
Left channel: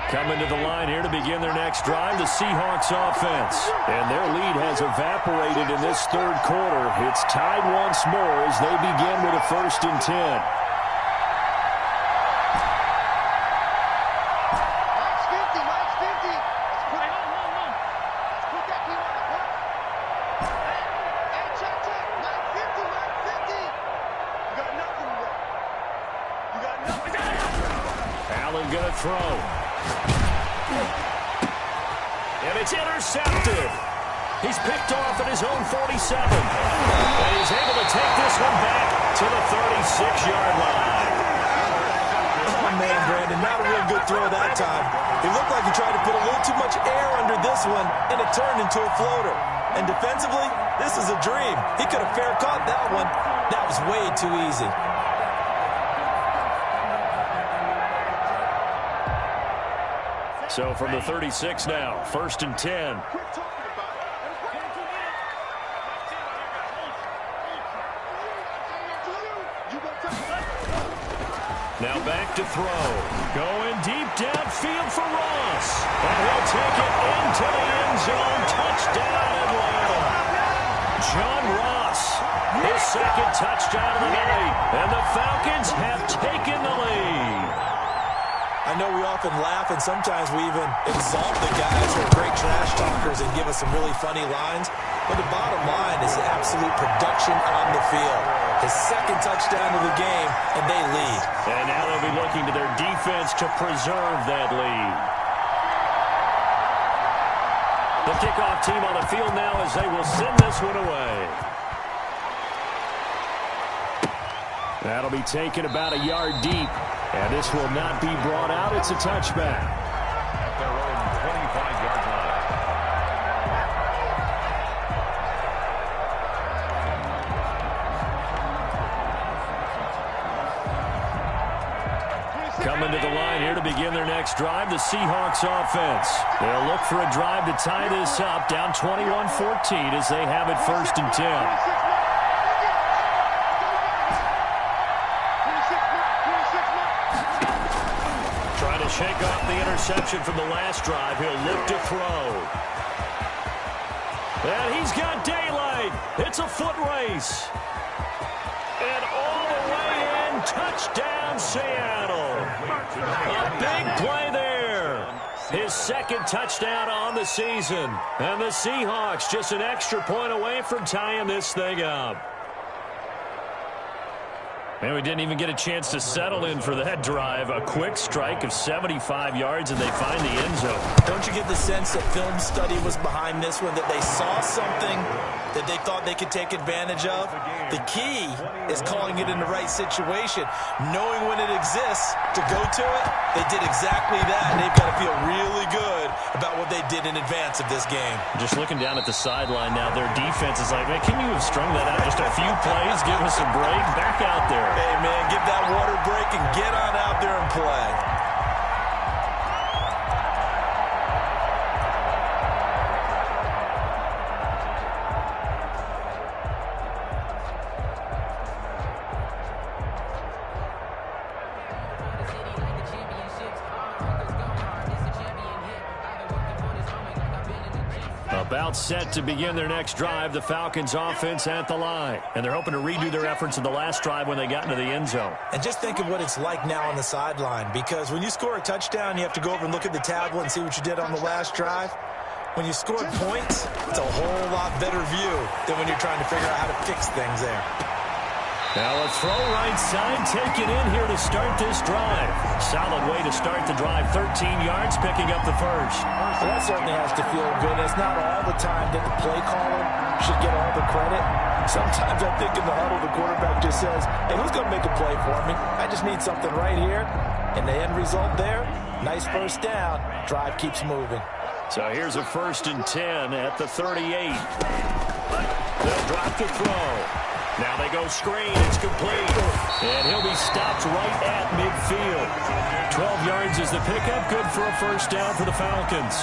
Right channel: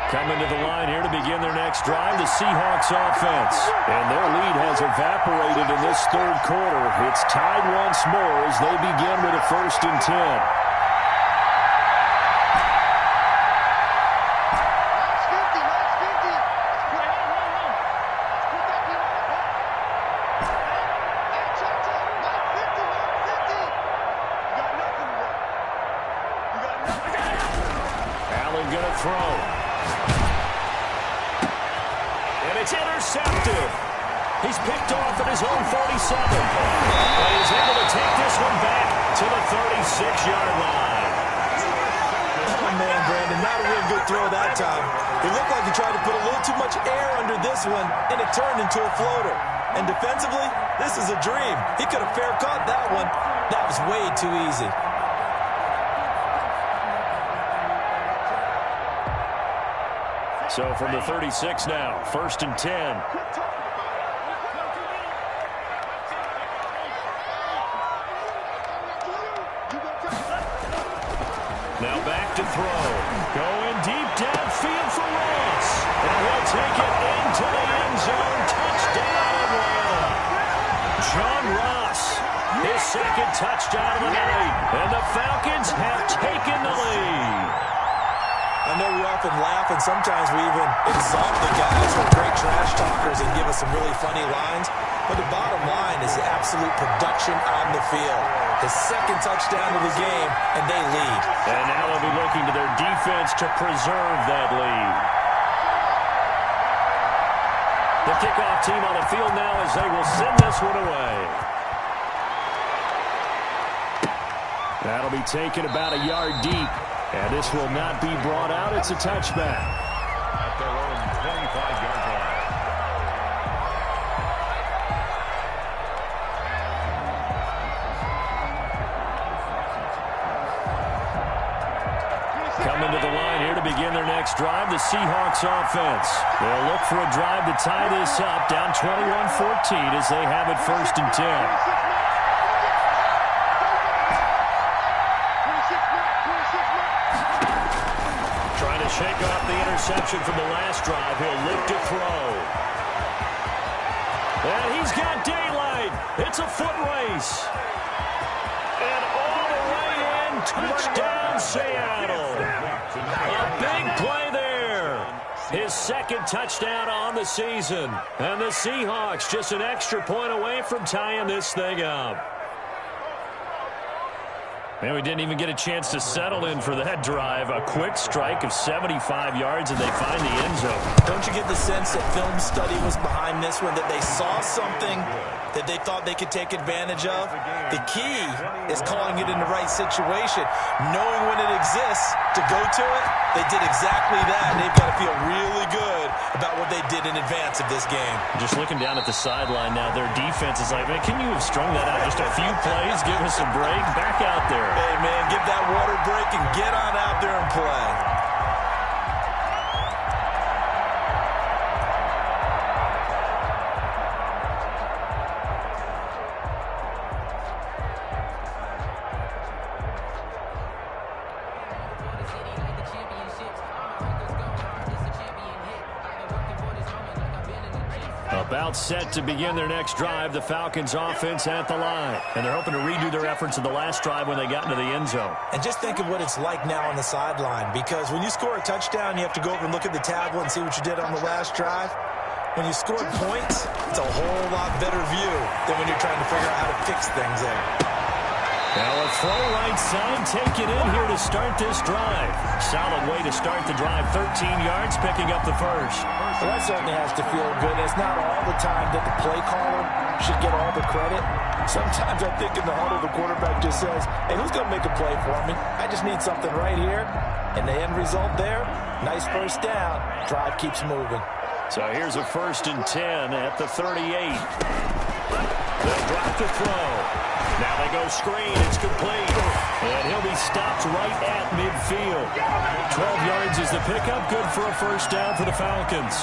Coming to the line here to begin their next drive, the Seahawks offense. And their lead has evaporated in this third quarter. It's tied once more as they begin with a 1st and 10. Mike's 50. Let's put it on. Let's put that team on the clock. Hey, Chug. Mike 50. You got nothing today. Allen gonna throw. And it's intercepted. He's picked off at his own 47. And he's able to take this one back to the 36-yard line. Oh, man, Brandon, not a real good throw that time. It looked like he tried to put a little too much air under this one, and it turned into a floater. And defensively, this is a dream. He could have fair caught that one. That was way too easy. So from the 36 now, 1st and 10. Now back to throw. Going deep downfield for Ross. And he'll take it into the end zone. Touchdown, Atlanta. John Ross, his 2nd touchdown of the night. And the Falcons have taken the lead. I know we often laugh, and sometimes we even exalt the guys who are great trash talkers and give us some really funny lines. But the bottom line is absolute production on the field. his second touchdown of the game, and they lead. And now they'll be looking to their defense to preserve that lead. The kickoff team on the field now as they will send this one away. That'll be taken about a yard deep. And this will not be brought out. It's a touchback. At their own 25-yard line. Coming to the line here to begin their next drive, the Seahawks offense. They'll look for a drive to tie this up, down 21-14 as they have it 1st and 10. Trying to shake off the interception from the last drive. He'll look to throw. And he's got daylight. It's a foot race. And all the way in, touchdown Seattle. A big play there. His second touchdown on the season. And the Seahawks just an extra point away from tying this thing up. Man, we didn't even get a chance to settle in for that drive. A quick strike of 75 yards, and they find the end zone. Don't you get the sense that film study was behind this one, that they saw something that they thought they could take advantage of? The key is calling it in the right situation, knowing when it exists to go to it. They did exactly that, and they've got to feel really good about what they did in advance of this game. Just looking down at the sideline now, their defense is like, man, can you have strung that out just a few plays? Give us a break. Back out there. Hey, man, give that water break and get on out there and play. About set to begin their next drive, the Falcons offense at the line. And they're hoping to redo their efforts in the last drive when they got into the end zone. And just think of what it's like now on the sideline, because when you score a touchdown, you have to go over and look at the tablet and see what you did on the last drive. When you scored points, it's a whole lot better view than when you're trying to figure out how to fix things there. Now a throw right side taken in here to start this drive. Solid way to start the drive. 13 yards, picking up the first. Well, that certainly has to feel good. It's not all the time that the play caller should get all the credit. Sometimes I think in the huddle, the quarterback just says, hey, who's going to make a play for me? I just need something right here. And the end result there, nice first down. Drive keeps moving. So here's a 1st and 10 at the 38. They'll drop to throw. Now they go screen. It's complete. And he'll be stopped right at midfield. 12 yards is the pickup. Good for a first down for the Falcons.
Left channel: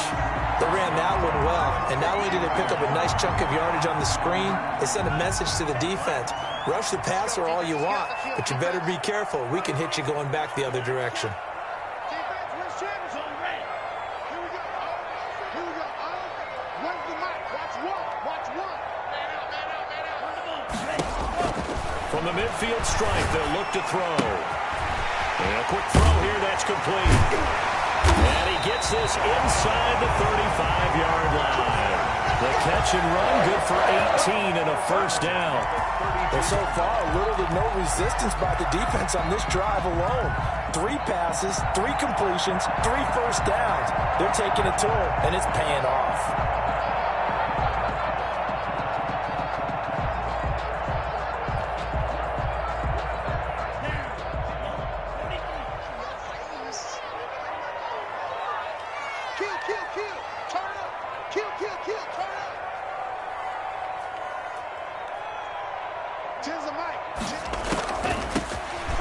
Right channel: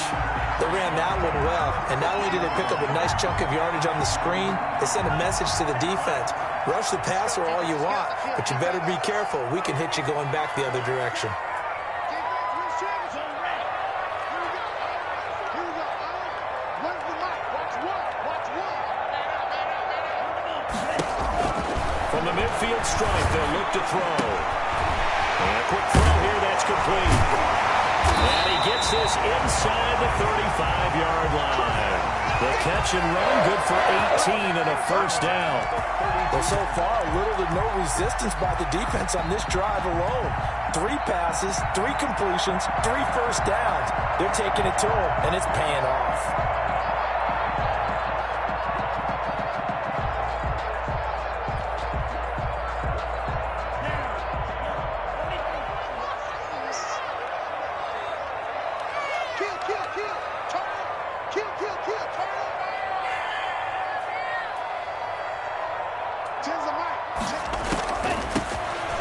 They ran that one well. And not only did they pick up a nice chunk of yardage on the screen, they sent a message to the defense. Rush the passer all you want, but you better be careful. We can hit you going back the other direction. From the midfield stripe, they'll look to throw. And a quick throw here, that's complete. And he gets this inside the 35-yard line. The catch and run, good for 18 and a first down. Well, so far, little to no resistance by the defense on this drive alone. 3 passes, 3 completions, 3 first downs. They're taking it to them, and it's paying off.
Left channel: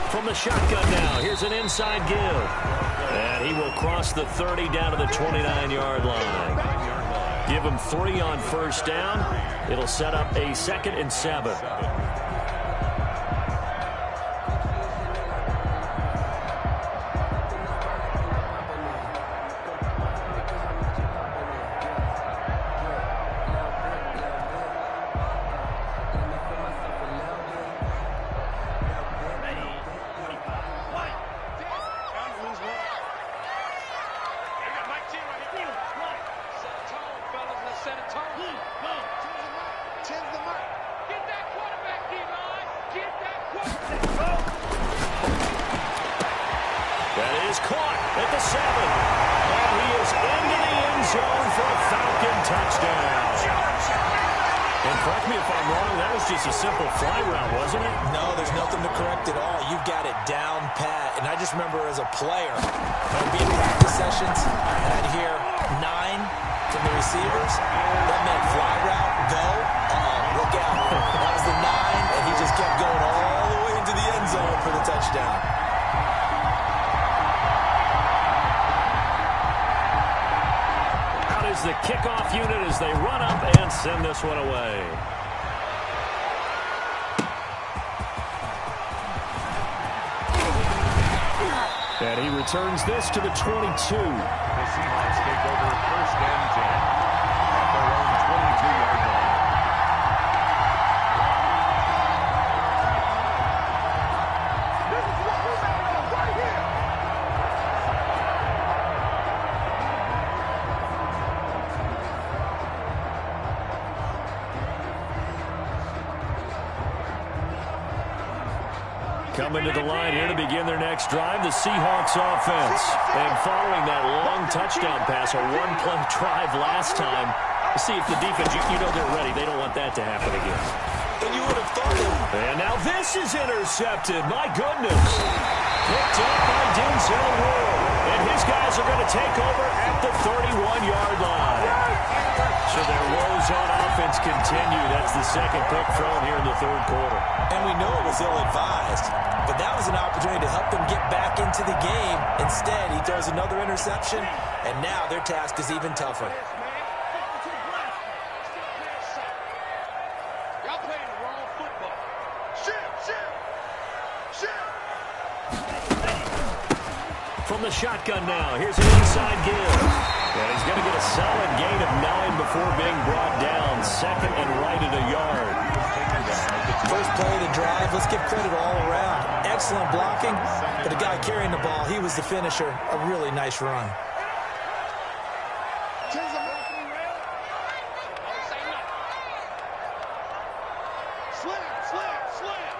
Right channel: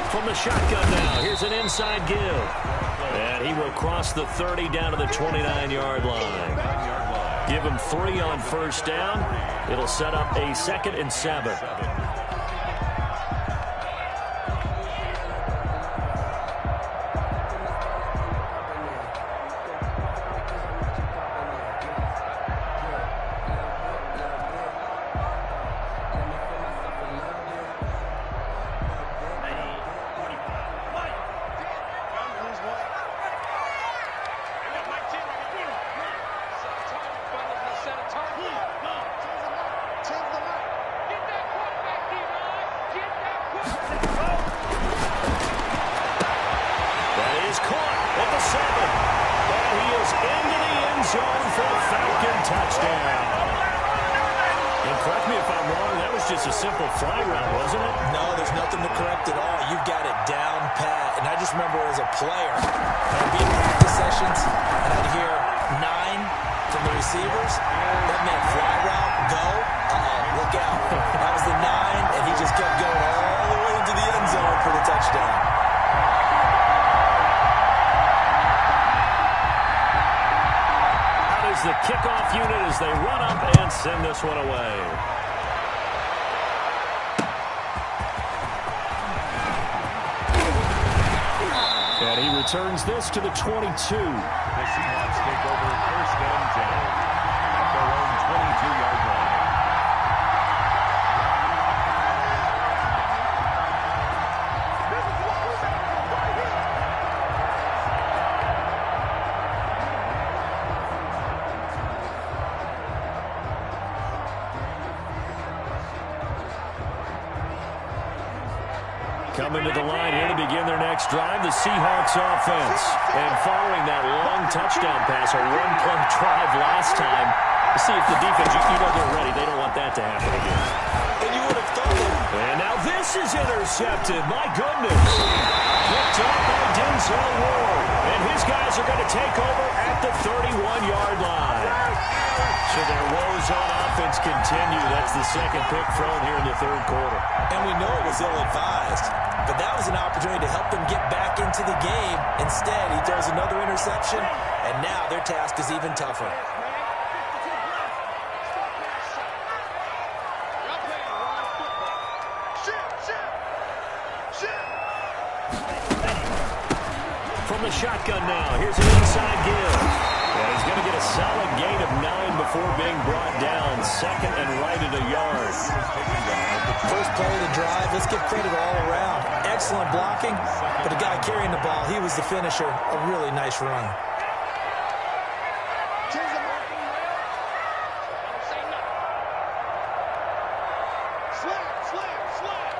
From the shotgun now, here's an inside give. And he will cross the 30 down to the 29-yard line. Give him 3 on first down. It'll set up a 2nd and 7. Get that quarterback. is caught at the 7. And he is into the end zone for a Falcon touchdown. And correct me if I'm wrong, that was just a simple fly route, wasn't it? No, there's nothing to correct at all. You've got it down pat. And I just remember as a player, I'd be in practice sessions, and I'd hear 9 from the receivers. That meant fly route, go. Look out. That was the 9, and he just kept going all the way into the end zone for the touchdown. Is the kickoff unit as they run up and send this one away. And he returns this to the 22. The Seahawks take over 1st and 10 at their own 22-yard line. This is what we're made of right here. Coming to the line here to begin their next drive, the Seahawks offense. And following that long touchdown pass, a one-play drive last time, to see if the defense, you know they're ready. They don't want that to happen again. And you would have thought that. And now this is intercepted. My goodness. Picked up by Denzel Ward. And his guys are going to take over at the 31-yard line. So their woes on offense continue. That's the second pick thrown here in the third quarter. And we know it was ill-advised, but that was an opportunity to help them get back into the game. Instead, he throws another interception, and now their task is even tougher. Y'all playing the wrong football. Shift. From the shotgun now, here's an inside give. And he's going to get a solid gain of 9 before being brought down. Second and right at a yard. First play of the drive, let's give credit all around. Excellent blocking, but the guy carrying the ball, he was the finisher. A really nice run. Slam.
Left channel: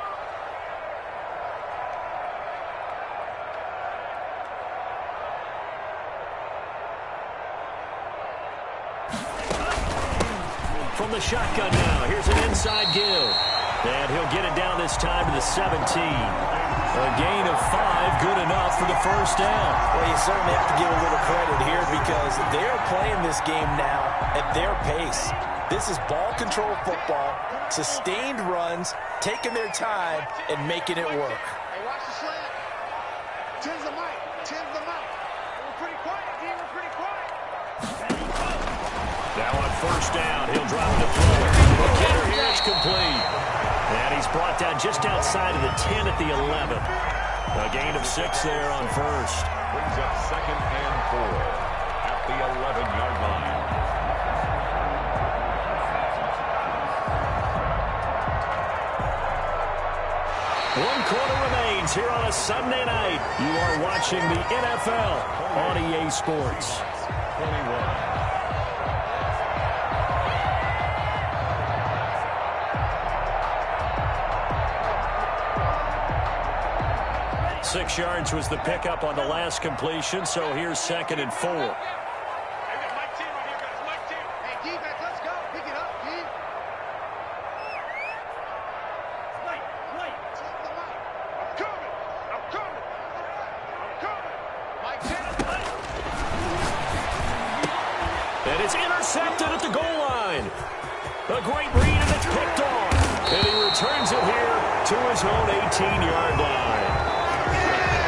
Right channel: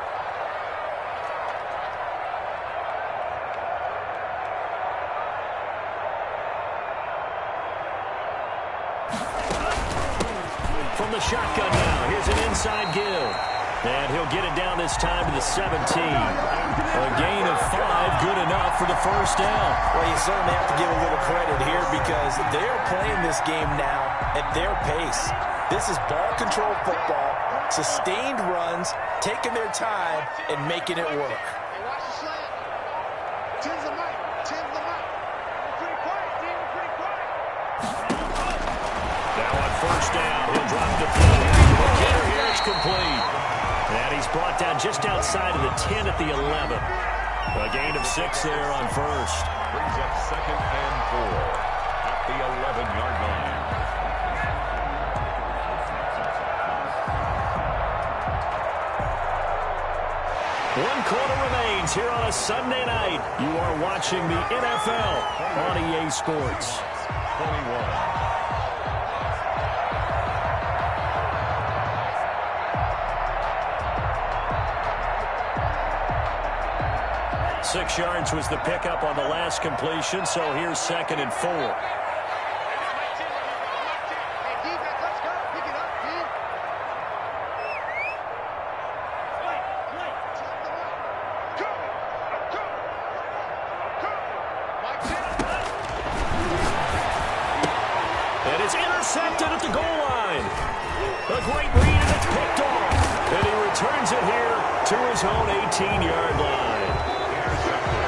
From the shotgun now, here's an inside give. And he'll get it down this time to the 17. A gain of 5, good enough for the first down. Well, you certainly have to give a little credit here because they're playing this game now at their pace. This is ball control football, sustained runs, taking their time, and making it work. Hey, watch the slant. Tens the mic. We're pretty quiet, D. We're pretty quiet. Now on first down, he'll drop the throw. The getter here, it's complete. And he's brought down just outside of the 10 at the 11. A gain of 6 there on first. Brings up 2nd and 4 at the 11-yard line. One quarter remains here on a Sunday night. You are watching the NFL on EA Sports. 21. 6 yards was the pickup on the last completion, so here's 2nd and 4. Hey, Mike T right here, guys. Mike T. Hey, defense, let's go. Pick it up, D. Wait. Tell the mic. I'm coming. Mike T. And it's intercepted at the goal line. A great read, and it's picked off. And he returns it here to his own 18-yard line.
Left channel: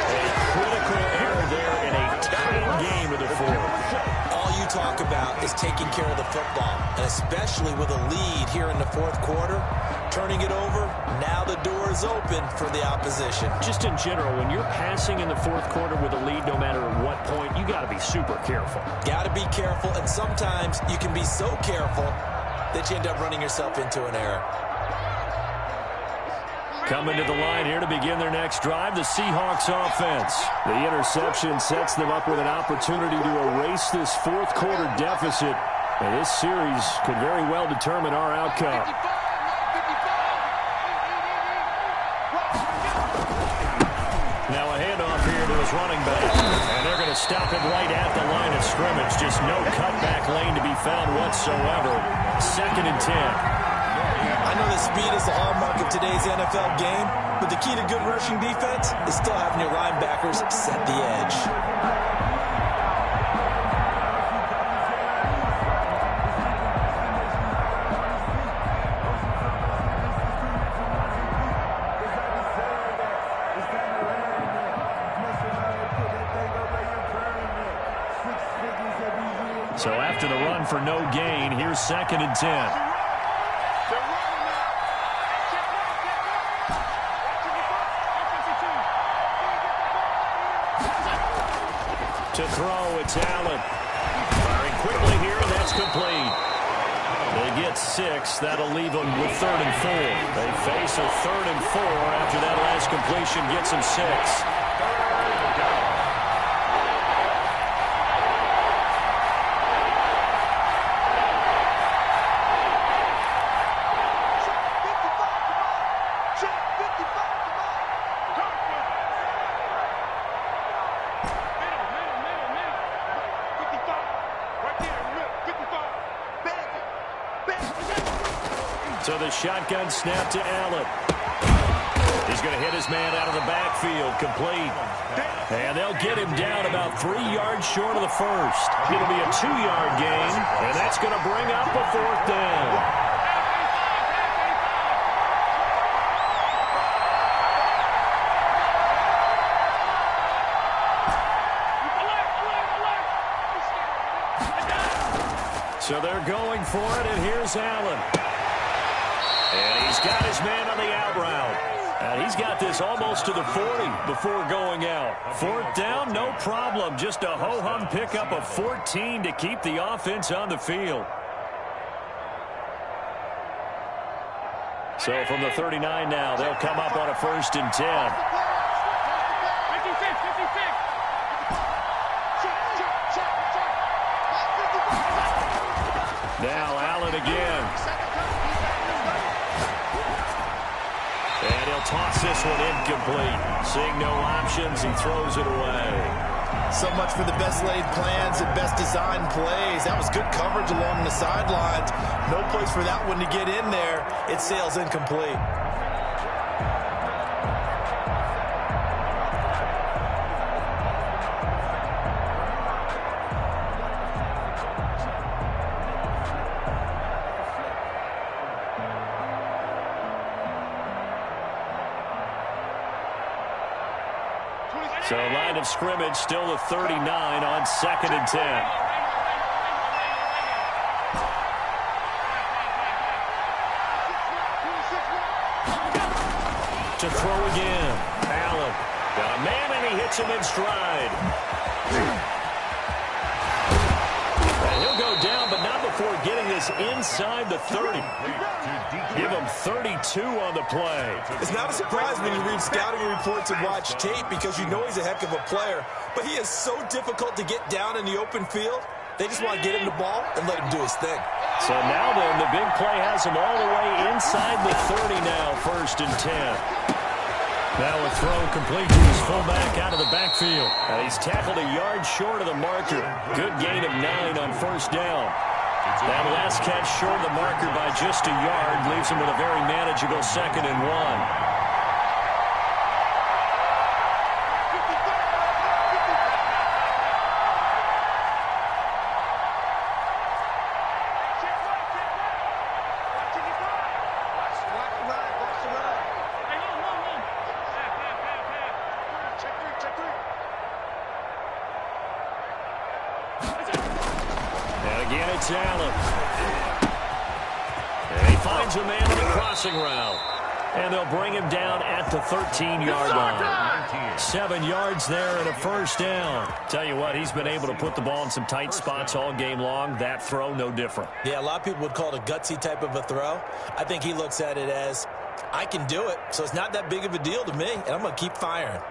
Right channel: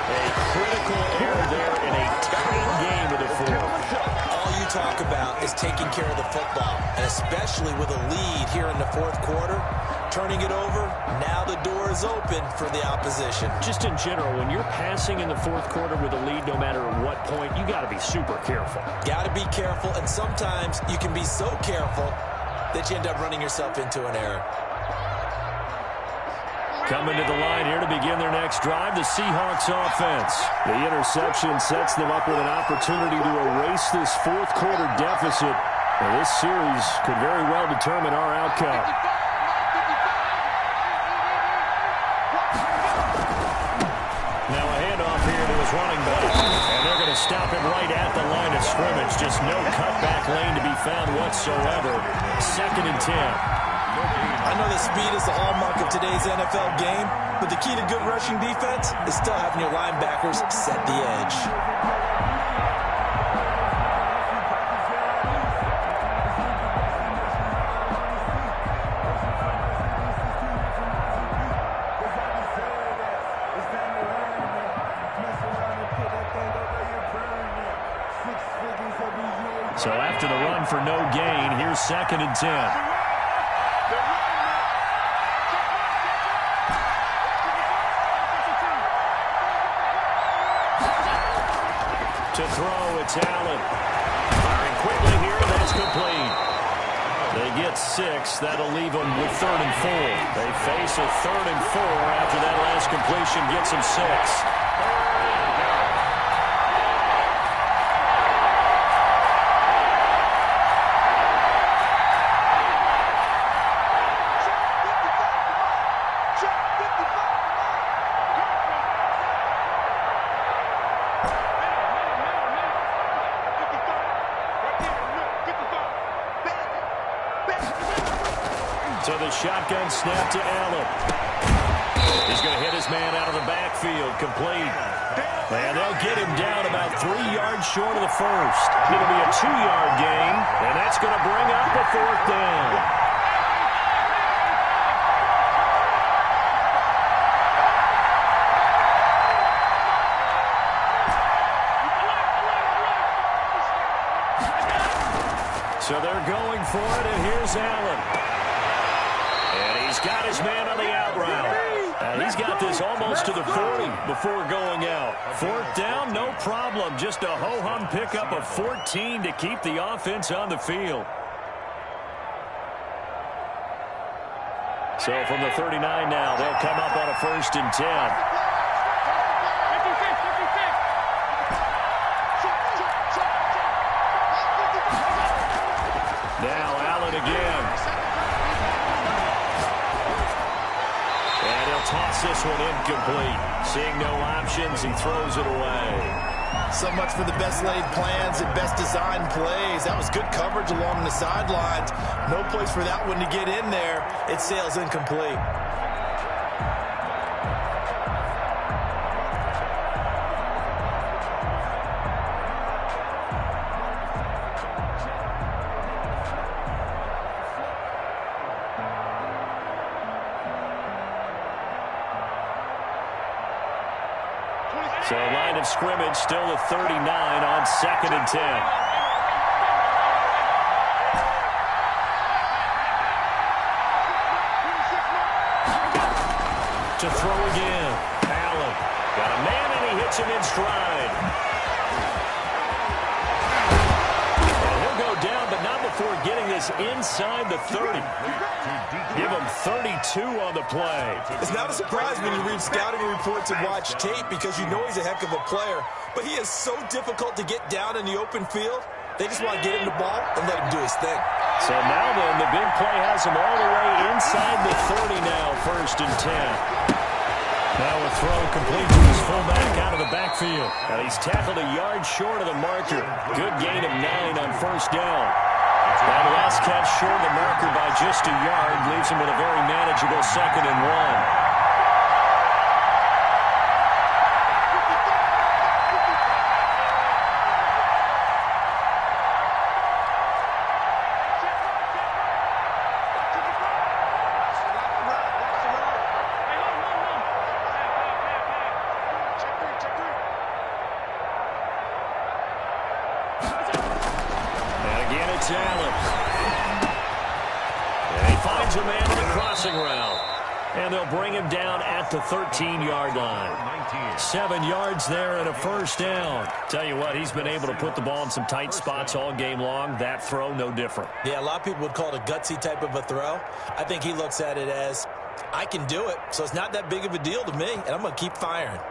A critical error there in a tight game of the fourth. All you talk about is taking care of the football, and especially with a lead here in the fourth quarter, turning it over, now the door is open for the opposition. Just in general, when you're passing in the fourth quarter with a lead, no matter at what point, you got to be super careful. Got to be careful, and sometimes you can be so careful that you end up running yourself into an error. Coming to the line here to begin their next drive, the Seahawks offense. The interception sets them up with an opportunity to erase this fourth quarter deficit. And this series could very well determine our outcome. Now a handoff here to his running back. And they're going to stop him right at the line of scrimmage. Just no cutback lane to be found whatsoever. 2nd and 10. I know that speed is the hallmark of today's NFL game, but the key to good rushing defense is still having your linebackers set the edge. So after the run for no gain, here's 2nd and 10. To throw, it's Allen. Firing quickly here, and that's complete. They get 6. That'll leave them with 3rd and 4. They face a 3rd and 4 after that last completion gets them 6. So the shotgun snap to Allen. He's going to hit his man out of the backfield, complete. And they'll get him down about 3 yards short of the first. It'll be a 2-yard gain, and that's going to bring up a 4th down. So they're going for it, and here's Allen. And he's got his man on the out route. And he's got this almost to the 40 before going out. 4th down, no problem. Just a ho-hum pickup of 14 to keep the offense on the field. So from the 39 now, they'll come up on a 1st and 10. Now Allen again. And he'll toss this one incomplete. Seeing no options, he throws it away. So much for the best laid plans and best designed plays. That was good coverage along the sidelines. No place for that one to get in there. It sails incomplete. So line of scrimmage still the 39 on 2nd and 10. To throw again. Allen got a man, and he hits him in stride. And he'll go down, but not before getting this inside the 30. Give him 32 on the play. It's not a surprise when you read scouting reports and watch tape, because you know he's a heck of a player. But he is so difficult to get down in the open field. They just want to get him the ball and let him do his thing. So now then, the big play has him all the way inside the 30 now, 1st and 10. Now a throw complete to his fullback out of the backfield. And he's tackled a yard short of the marker. Good gain of 9 on 1st down. That last catch short of the marker by just a yard leaves him with a very manageable 2nd and 1. Again, it's Allen. And he finds a man on the crossing route. And they'll bring him down at the 13-yard line. 7 yards there and a 1st down. Tell you what, he's been able to put the ball in some tight spots all game long. That throw, no different. Yeah, a lot of people would call it a gutsy type of a throw. I think he looks at it as, I can do it, so it's not that big of a deal to me, and I'm going to keep firing.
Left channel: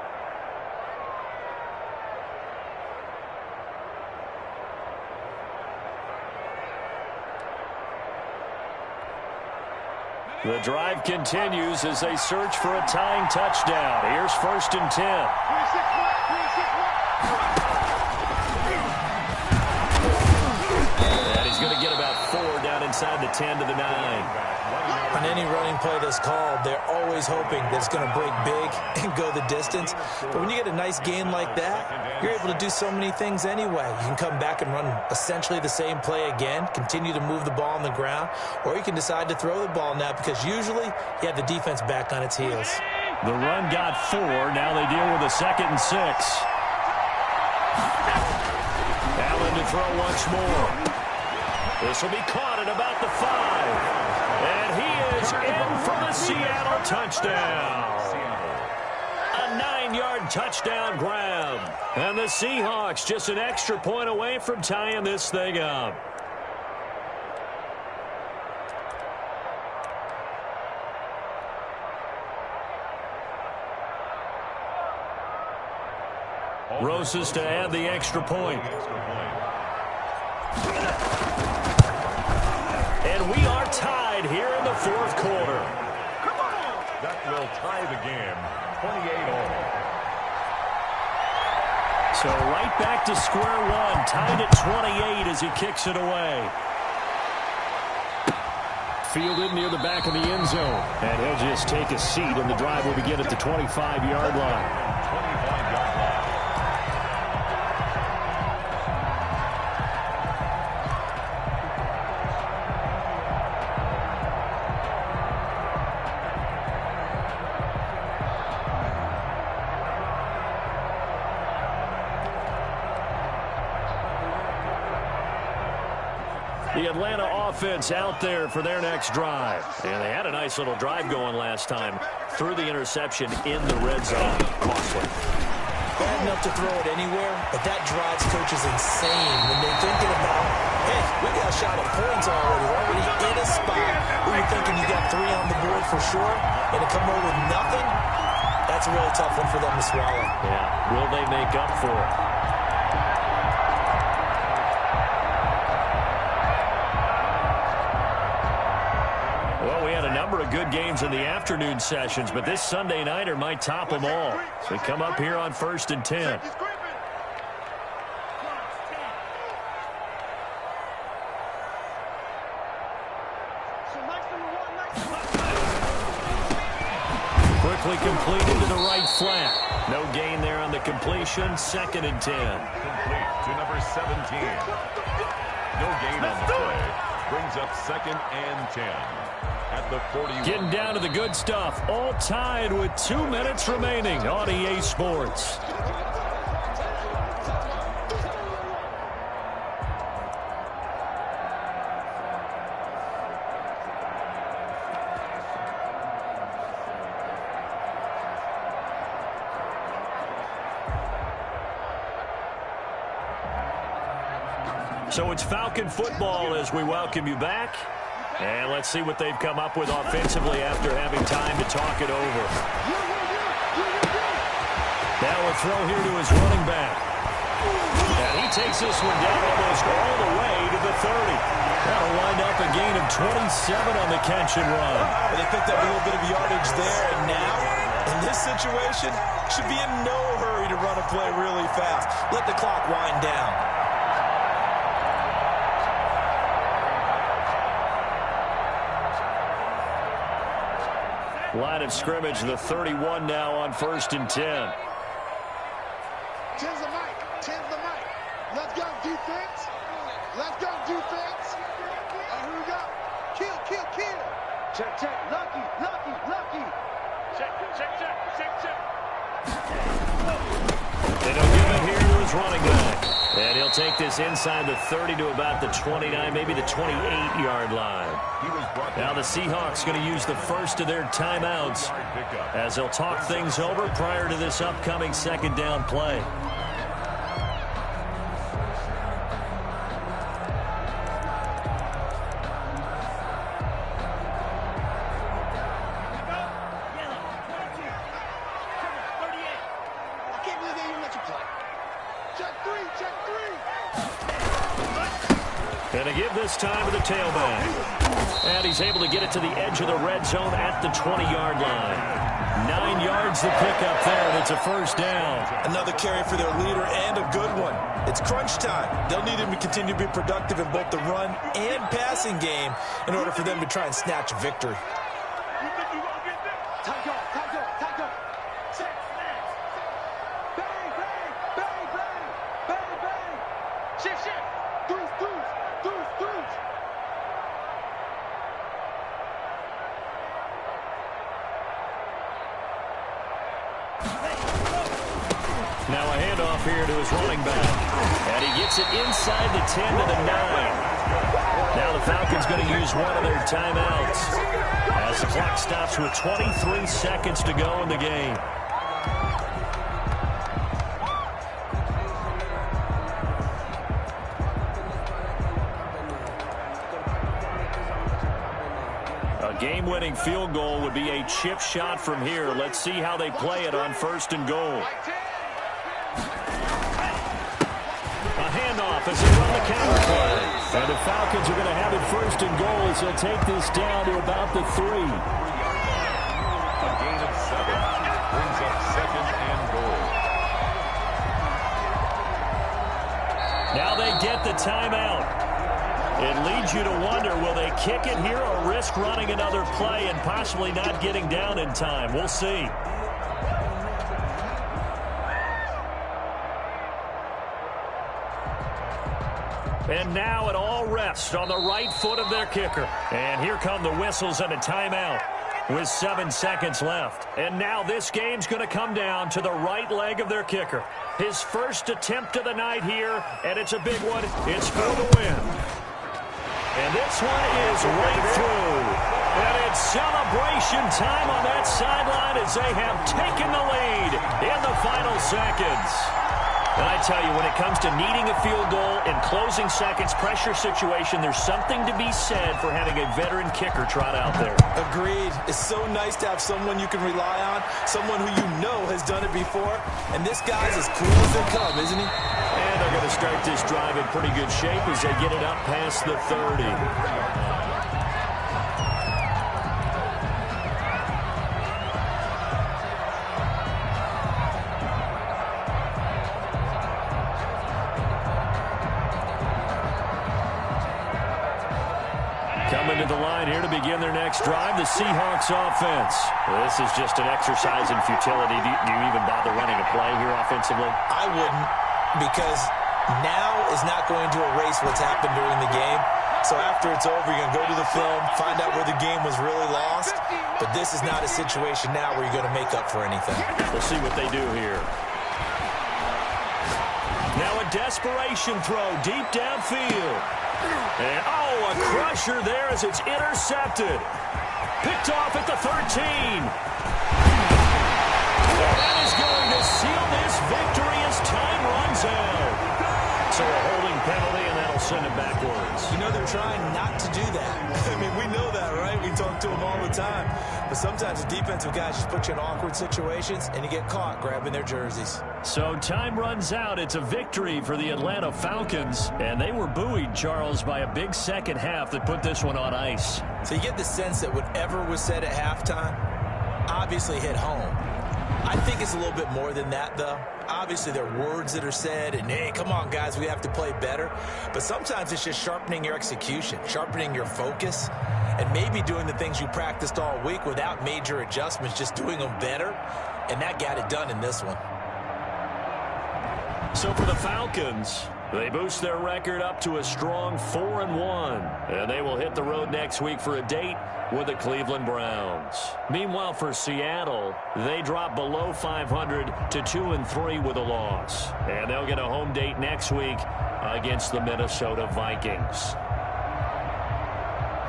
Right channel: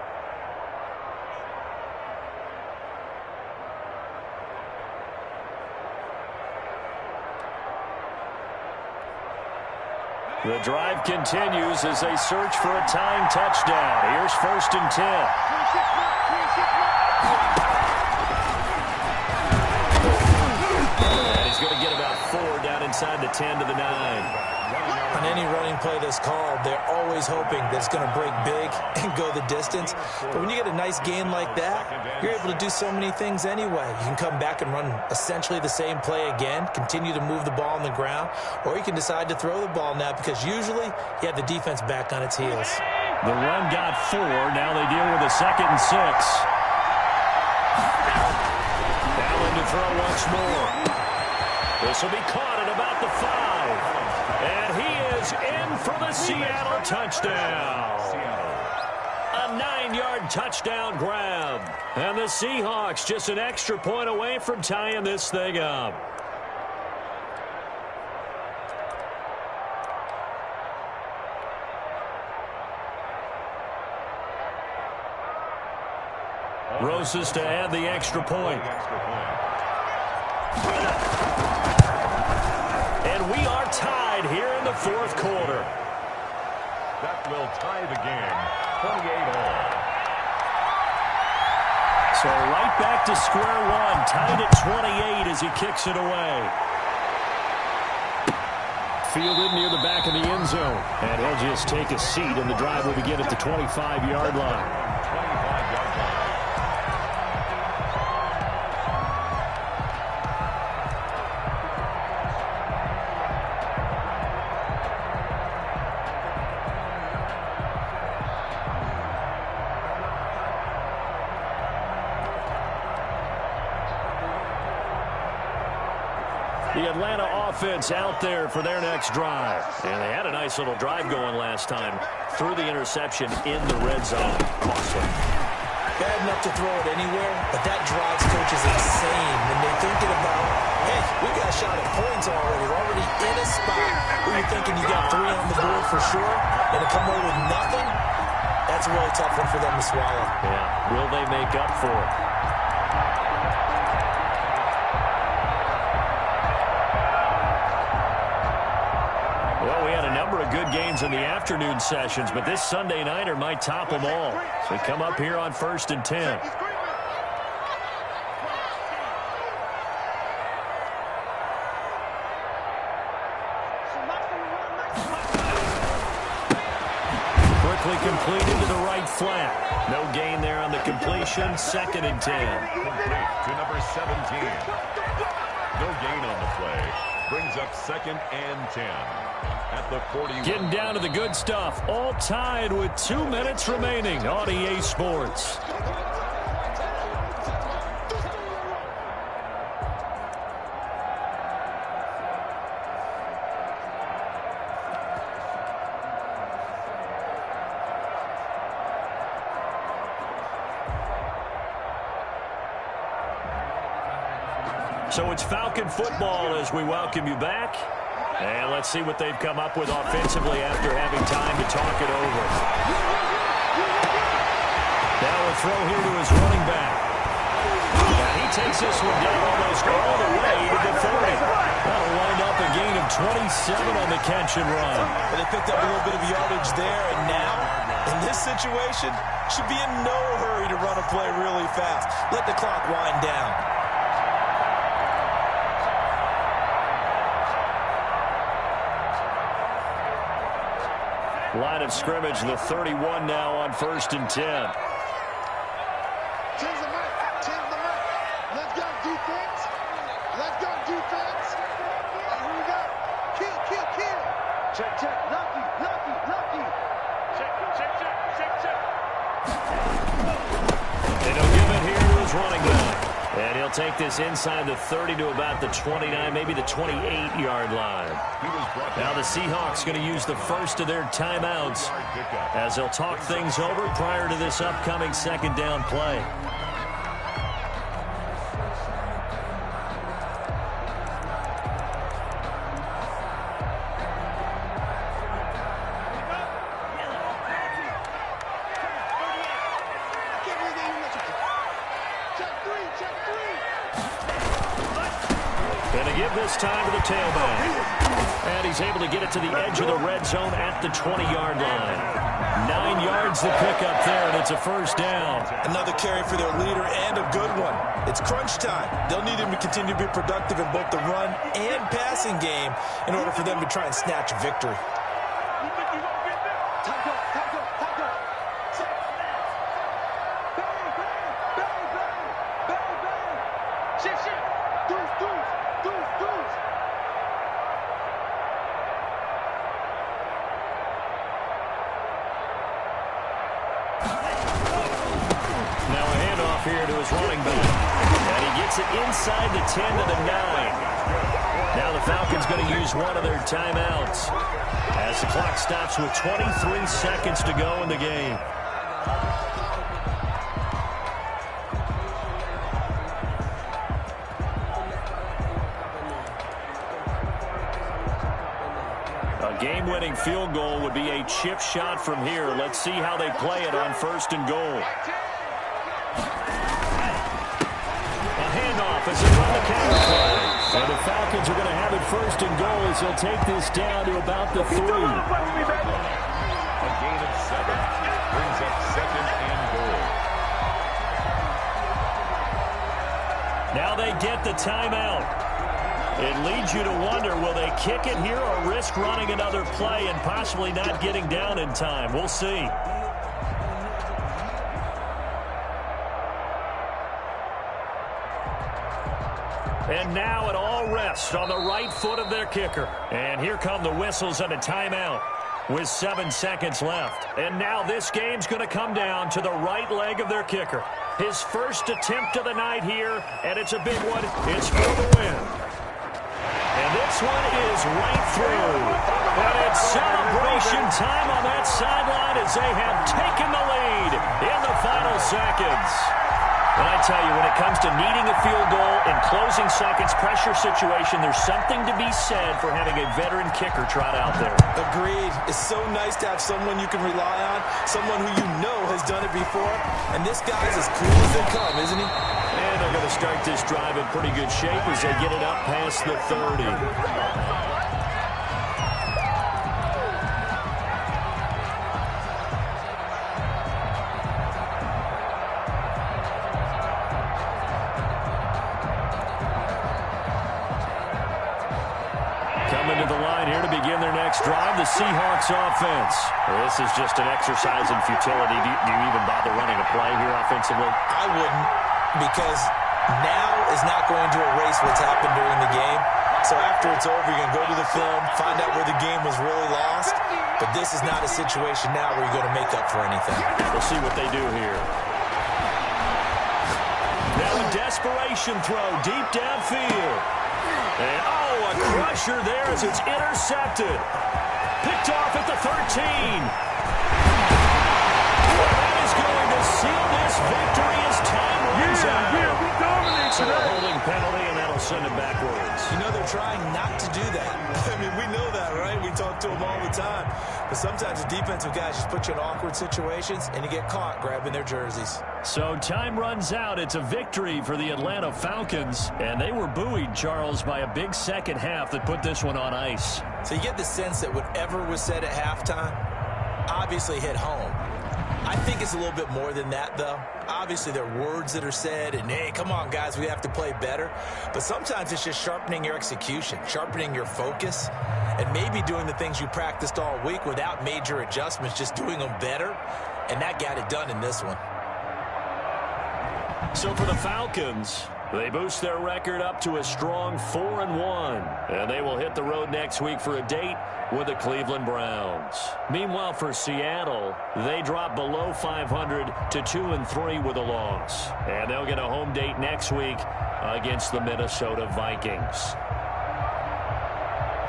The drive continues as they search for a tying touchdown. Here's 1st and 10. And he's going to get about 4 down inside the 10 to the 9. On any running play that's called, they're always hoping that it's going to break big and go the distance. But when you get a nice gain like that, you're able to do so many things anyway. You can come back and run essentially the same play again, continue to move the ball on the ground, or you can decide to throw the ball now because usually you have the defense back on its heels. The run got 4. Now they deal with a 2nd and 6. Allen to throw once more. This will be caught at about the 5. And he is in for the Seattle touchdown. A 9-yard touchdown grab. And the Seahawks just an extra point away from tying this thing up. Roses to add the extra point. And we are tied here in the 4th quarter. That will tie the game, 28-all. So right back to square one, tied at 28 as he kicks it away. Fielded near the back of the end zone. And he'll just take a seat, and the drive will begin at the 25-yard line. 25-yard line. The Atlanta offense out there for their next drive. And they had a nice little drive going last time. Threw the interception in the red zone. Costly. Bad enough to throw it anywhere, but that drives coaches insane when they're thinking about, hey, we got a shot at points already. We're already in a spot where you're thinking you got 3 on the board for sure, and to come away with nothing, that's a really tough one for them to swallow. Yeah, will they make up for it? Well, we had a number of good games in the afternoon sessions, but this Sunday nighter might top them all. So we come up here on 1st and 10. Quickly completed to the right flat. No gain there on the completion. 2nd and 10. Complete to number 17. No gain on the play. Brings up 2nd and 10. At the 41. Getting down to the good stuff. All tied with 2 minutes remaining on EA Sports. So it's Falcon football as we welcome you back. And let's see what they've come up with offensively after having time to talk it over. Now a throw here to his running back. And he takes this one down almost all the way to the 30. That'll wind up a gain of 27 on the catch and run. But they picked up a little bit of yardage there, and now, in this situation, should be in no hurry to run a play really fast. Let the clock wind down. Line of scrimmage, the 31 now on 1st and 10. 10's the mic. 10's the mic. Let's go, defense. Let's go, defense. And here we go. Kill, kill, kill. Check, check. Lucky, lucky, lucky. Check, check, check, check, check. They don't give it here to his running back. And he'll take this inside the 30 to about the 29, maybe the 28-yard line. Now the Seahawks going to use the first of their timeouts as they'll talk things over prior to this upcoming 2nd down play. Going to give this time to the tailback. And he's able to get it to the edge of the red zone at the 20-yard line. 9 yards to pick up there, and it's a first down. Another carry for their leader, and a good one. It's crunch time. They'll need him to continue to be productive in both the run and passing game in order for them to try and snatch a victory. You think you gonna get this? Time go. Set, snap. Bang, bang, bang, bang, bang, bang. Shift. Deuce. Now a handoff here to his running back. And he gets it inside the 10 to the 9. Now the Falcons going to use one of their timeouts as the clock stops with 23 seconds to go in the game. A game-winning field goal would be a chip shot from here. Let's see how they play it on 1st and goal. A handoff as they run the counter play. And the Falcons are going to have it 1st and goal as they'll take this down to about the 3. A gain of 7 brings up 2nd and goal. Now they get the timeout. It leads you to wonder, will they kick it here or risk running another play and possibly not getting down in time? We'll see. And now it all rests on the right foot of their kicker. And here come the whistles and a timeout with 7 seconds left. And now this game's going to come down to the right leg of their kicker. His first attempt of the night here, and it's a big one. It's for the win. And this one is right through. And it's celebration time on that sideline as they have taken the lead in the final seconds. And I tell you, when it comes to needing a field goal in closing seconds, pressure situation, there's something to be said for having a veteran kicker trot out there. Agreed. It's so nice to have someone you can rely on, someone who you know has done it before. And this guy's as cool as they come, isn't he? And they're going to start this drive in pretty good shape as they get it up past the 30. Coming to the line here to begin their next drive, the Seahawks offense. This is just an exercise in futility. Do you even bother running a play here offensively? I wouldn't, because now is not going to erase what's happened during the game. So after it's over, you're going to go to the film, find out where the game was really lost. But this is not a situation now where you're going to make up for anything. We'll see what they do here. Now a desperation throw deep downfield. And, oh, a crusher there as it's intercepted. Picked off at the 13. Well, that is going to seal this victory as time runs out. So a holding penalty, and that'll send it backwards. You know, they're trying not to do that. I mean, we know that, right? We talk to them all the time. But sometimes the defensive guys just put you in awkward situations, and you get caught grabbing their jerseys. So time runs out. It's a victory for the Atlanta Falcons. And they were buoyed, Charles, by a big second half that put this one on ice. So you get the sense that whatever was said at halftime obviously hit home. I think it's a little bit more than that, though. Obviously, there are words that are said, and, hey, come on, guys, we have to play better. But sometimes it's just sharpening your execution, sharpening your focus, and maybe doing the things you practiced all week without major adjustments, just doing them better. And that got it done in this one. So for the Falcons, they boost their record up to a strong 4-1. And they will hit the road next week for a date with the Cleveland Browns. Meanwhile, for Seattle, they drop below 500 to 2-3 with a loss. And they'll get a home date next week against the Minnesota Vikings.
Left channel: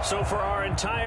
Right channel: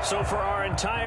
So for our entire